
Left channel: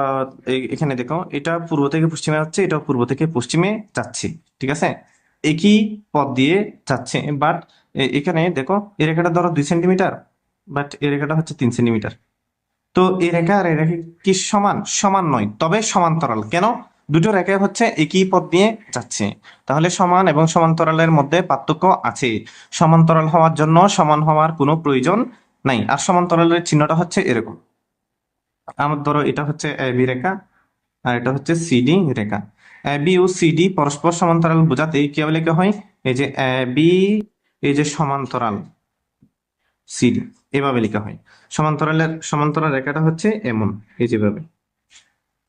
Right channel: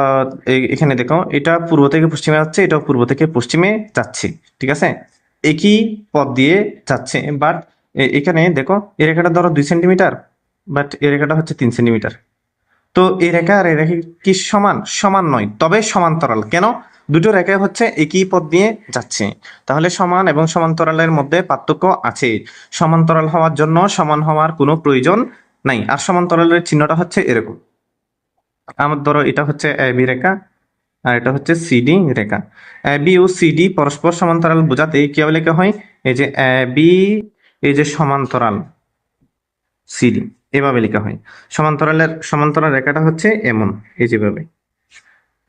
এখানে দেখো এটা পূর্ব থেকে পশ্চিমে যাচ্ছে, এটাও পূর্ব থেকে পশ্চিমে যাচ্ছে, ঠিক আছে, একই পথ দিয়ে যাচ্ছে। বাট এখানে দেখো এই রেখাটা ধরো 2 সেন্টিমিটার, বাট এই রেখাটা হচ্ছে 3 সেন্টিমিটার। তো এই রেখা আর এই রেখা কি সমান? সমান নয়, তবে সমান্তরাল। কেন? দুটো রেখা হচ্ছে একই পথ দিয়ে যাচ্ছে, তাহলে সমান এবং সমান্তরালের মধ্যে পার্থক্য আছে। সমান্তরাল হওয়ার জন্য সমান হওয়ার কোনো প্রয়োজন নাই। আর সমান্তরালের চিহ্নটা হচ্ছে এরকম, আমার ধরো এটা হচ্ছে এ বি রেখা, আর এটা হচ্ছে CD Rekha. A B O CD পরস্পর সমান্তরাল বোঝাতে কিভাবে লেখা হয়? এই যে এ বি, এই যে সমান্তরাল সিডি, এভাবে লেখা হয়। সমান্তরাল রেখাটা হচ্ছে এমন, এই যেভাবে,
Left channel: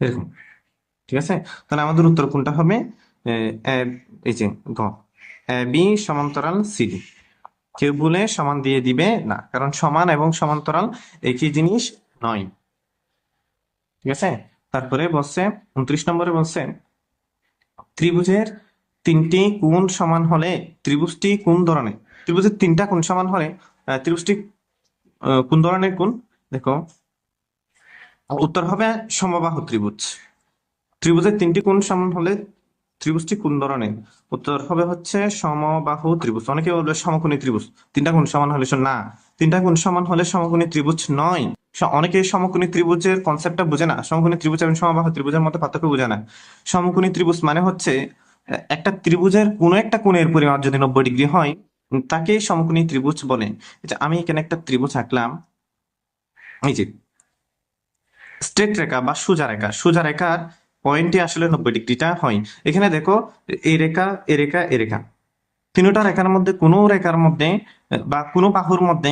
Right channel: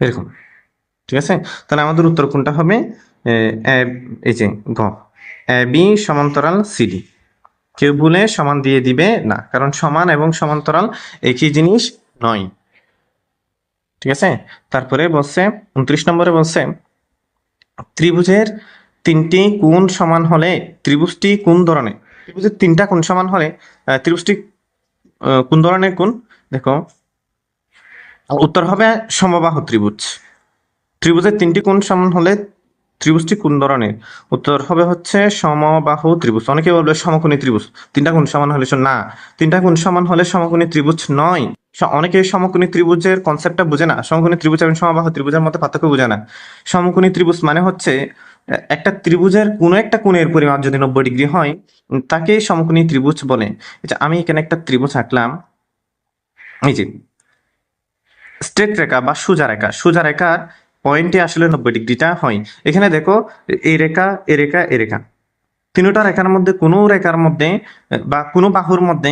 এরকম। ঠিক আছে, তাহলে আমাদের উত্তর কোনটা হবে? এ, এই যে গ, এ বি সমান্তরাল সিডি। কেউ ভুলে সমান দিয়ে দিবে না, কারণ সমান এবং সমান্তরাল একই জিনিস নয়। ঠিক আছে, তারপরে বলছে 29 নম্বরে বলছে ত্রিভুজের তিনটি কোণ সমান হলে ত্রিভুজটি কোন ধরনের? ত্রিভুজের তিনটা কোণ সমান হলে ত্রিভুজটি কোন ধরনের কোণ? দেখো, উত্তর হবে সমবাহু ত্রিভুজ। ত্রিভুজের তিনটি কোণ সমান হলে ত্রিভুজটি কোন ধরনের? উত্তর হবে হচ্ছে সমবাহু ত্রিভুজ। অনেকে বলবে সমকোণী ত্রিভুজ। তিনটা কোণ সমান হলে না, তিনটা কোণ সমান হলে সমকোণী ত্রিভুজ নয়। অনেকে সমকোণী ত্রিভুজের কনসেপ্টটা বুঝে না। সমকোণী ত্রিভুজ এবং সমবাহু ত্রিভুজের মধ্যে পার্থক্য বুঝে না। সমকোণী ত্রিভুজ মানে হচ্ছে একটা ত্রিভুজের কোনো একটা কোণের পরিমাপ যদি 90 ডিগ্রি হয়, তাকে সমকোণী ত্রিভুজ বলে। আমি এখানে একটা ত্রিভুজ আঁকলাম, এই যে স্ট্রেট রেখা বা সোজা রেখা, সোজা রেখার পয়েন্টে আসলে 90 ডিগ্রিটা হয়। এখানে দেখো, এই রেখা, এ রেখা, এ রেখা, তিনটা রেখার মধ্যে কোনো রেখার মধ্যে বা কোনো বাহুর মধ্যে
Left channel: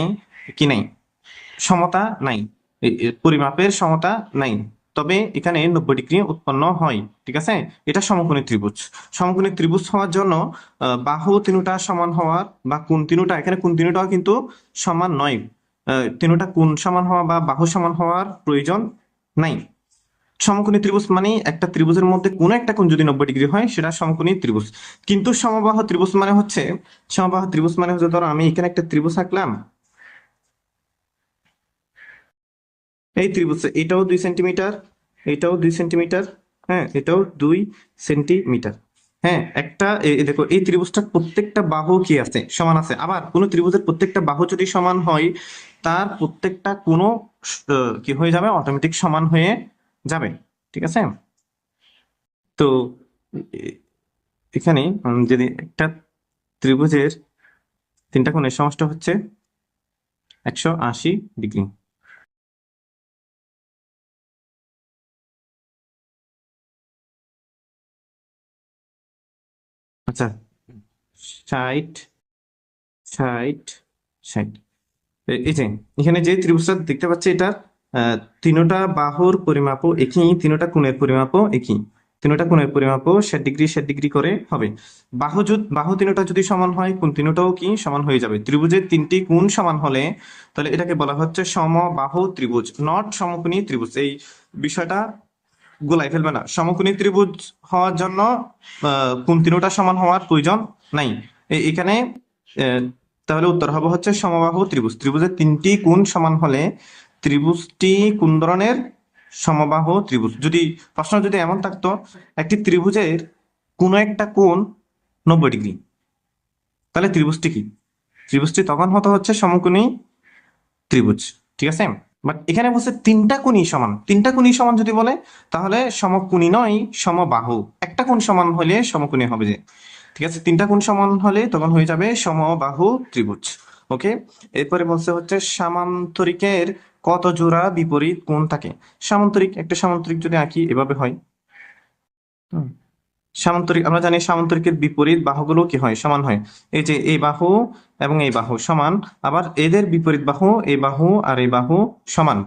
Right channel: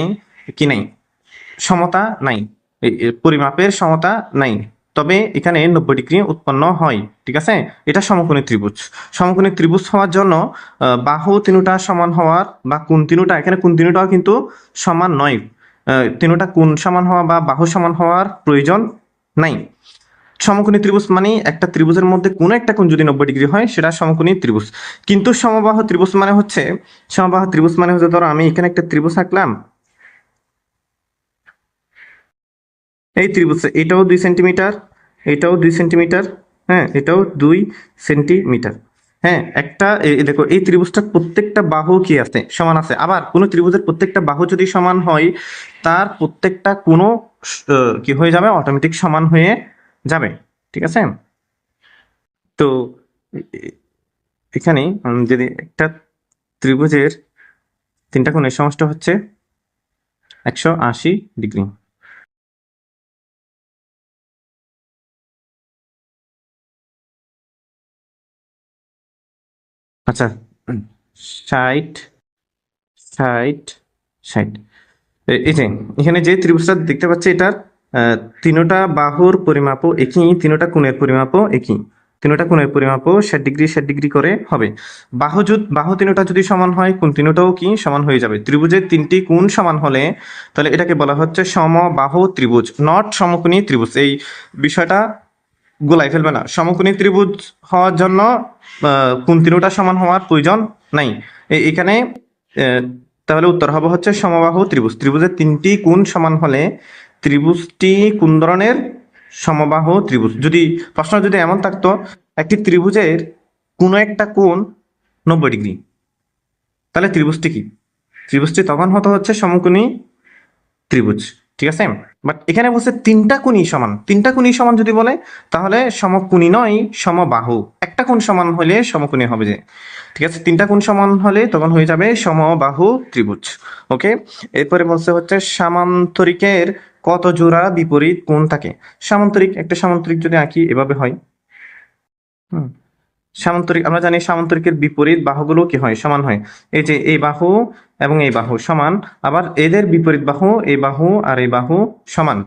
কি নাই? সমতা নাই, পরিমাপের সমতা নাই। তবে এখানে 90 ডিগ্রি উৎপন্ন হয়। ঠিক আছে, এটা সমকোণী ত্রিভুজ। সমকোণী ত্রিভুজ হওয়ার জন্য বাহু তিনটা সমান হওয়ার বা কোণ তিনটা, এখানে কোণ তিনটাও কিন্তু সমান নয়। তিনটা কোণ সমান হওয়া বা বাহু সমান হওয়ার প্রয়োজন নাই। সমকোণী ত্রিভুজ মানে একটা ত্রিভুজের মধ্যে কোনো একটা কোণ যদি 90 ডিগ্রি হয়, সেটা সমকোণী ত্রিভুজ। কিন্তু সমবাহু ত্রিভুজ মানে হচ্ছে, ধরো আমি এখানে একটা ত্রিভুজ আঁকলাম, এই ত্রিভুজ, এটাও 2 সেন্টিমিটার, এটাও 2 সেন্টিমিটার, হ্যাঁ, এটাও 2 সেন্টিমিটার। হ্যাঁ, একটা দেখো, এই ত্রিভুজটা প্রত্যেকটা বাহু কি আছে? সমান আছে। আবার কোনো ত্রিভুজের প্রত্যেকটা বাহু যদি সমান হয়, তার প্রত্যেকটা কোনো কি হয়ে যাবে? অটোমেটিক সমান হয়ে যাবে। ঠিক আছে, তো এ- এখানে যদি একটা ত্রিভুজের তিনটা কোণের সমষ্টি হচ্ছে 180 ডিগ্রি। আচ্ছা, 60, 60, 60। এই যে এখানে যে ত্রিভুজটা দেখতে পাচ্ছি, এটার তিনটা বাহুর পরিমাপও একই, তিনটা কোণের পরিমাপও একই। তিনটা কোণের পরিমাপও 60 ডিগ্রি 60 ডিগ্রি করে হবে। বাহু তিনটা যদি সমান হয়, কোণ তিনটাও কি সমান হয়ে যাবে। ত্রিভুজের তিনটি কোণ সমান হলে তাহলে এটাকে বলা হচ্ছে সমবাহু ত্রিভুজ, নট সমকোণী ত্রিভুজ। এই বিষয়টা গোলাই ফেলবে না। সমকোণী ত্রিভুজ হওয়ার জন্য কোণ তিনটা সমান হওয়ার প্রয়োজন নাই। এখানে আহ, তাহলে উত্তর হবে হচ্ছে সমবাহু ত্রিভুজ। ত্রিভুজের তিনটি কোণ সমান হলে ত্রিভুজটি কোন ধরনের? সমবাহু ত্রিভুজ। যদি প্রশ্ন যদি এমন থাকতো, একটি ত্রিভুজের কোনো একটা কোণ 90 ডিগ্রি, তাহলে ত্রিভুজটি কি? ত্রিভুজটি তখন হতো হচ্ছে সমকোণী ত্রিভুজ। ঠিক আছে, বাট এখানে বলছে তিনটা কোণই সমান। তিনটা কোণই সমান যদি বলে, তাহলে সমকোণী নয়, সমবাহু। একটা কোণ সমান হলে সমকোণী হবে যে। ঠিক আছে, তিনটা কোণ সমান হলে তখন হয়ে যাবে সমবাহু ত্রিভুজ। ওকে, এরপরে বলছে হচ্ছে সামান্তরিকের কত জোড়া বিপরীত কোণ থাকে? একটা সামান্তরিক যদি আঁকি, এভাবে হয়। হুম, সামান্তরিক আমরা জানি, সামান্তরিকের বিপরীত বাহুগুলো কি হয়? সমান হয়। এই যে এই বাহু এবং এই বাহু সমান, আবার এদের বিপরীত বাহু, এই বাহু আর এই বাহু সমান।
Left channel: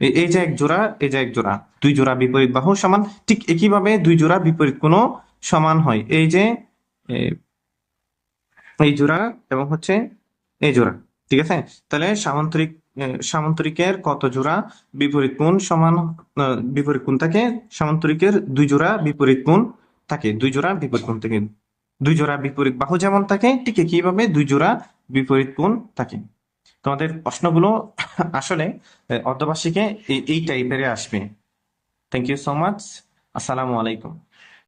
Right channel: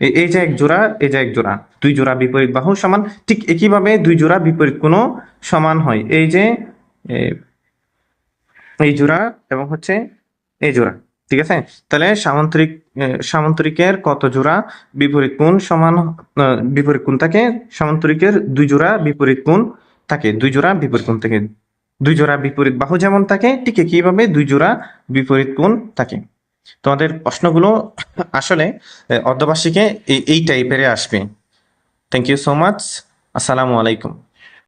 এই যে এক জোড়া, এই যে এক জোড়া, দুই জোড়া বিপরীত বাহু সমান। ঠিক একইভাবে দুই জোড়া বিপরীত কোণ সমান হয়। এই যে এ, এই জোড়া এবং হচ্ছে এই জোড়া। ঠিক আছে, তাহলে সামান্তরিকের কত জোড়া বিপরীত কোণ সমান? বিপরীত কোণ থাকে। সামান্তরিকের দুই জোড়া বিপরীত কোণ থাকে, দুই জোড়া বিপরীত কোণ থাকে। দুই জোড়া বিপরীত বাহু যেমন থাকে, ঠিক একইভাবে দুই জোড়া বিপরীত কোণ থাকে। তোমাদের প্রশ্নগুলো আসলে অর্ধবার্ষিকে এই টাইপের আসবে। Thank you so much. আসসালামু আলাইকুম।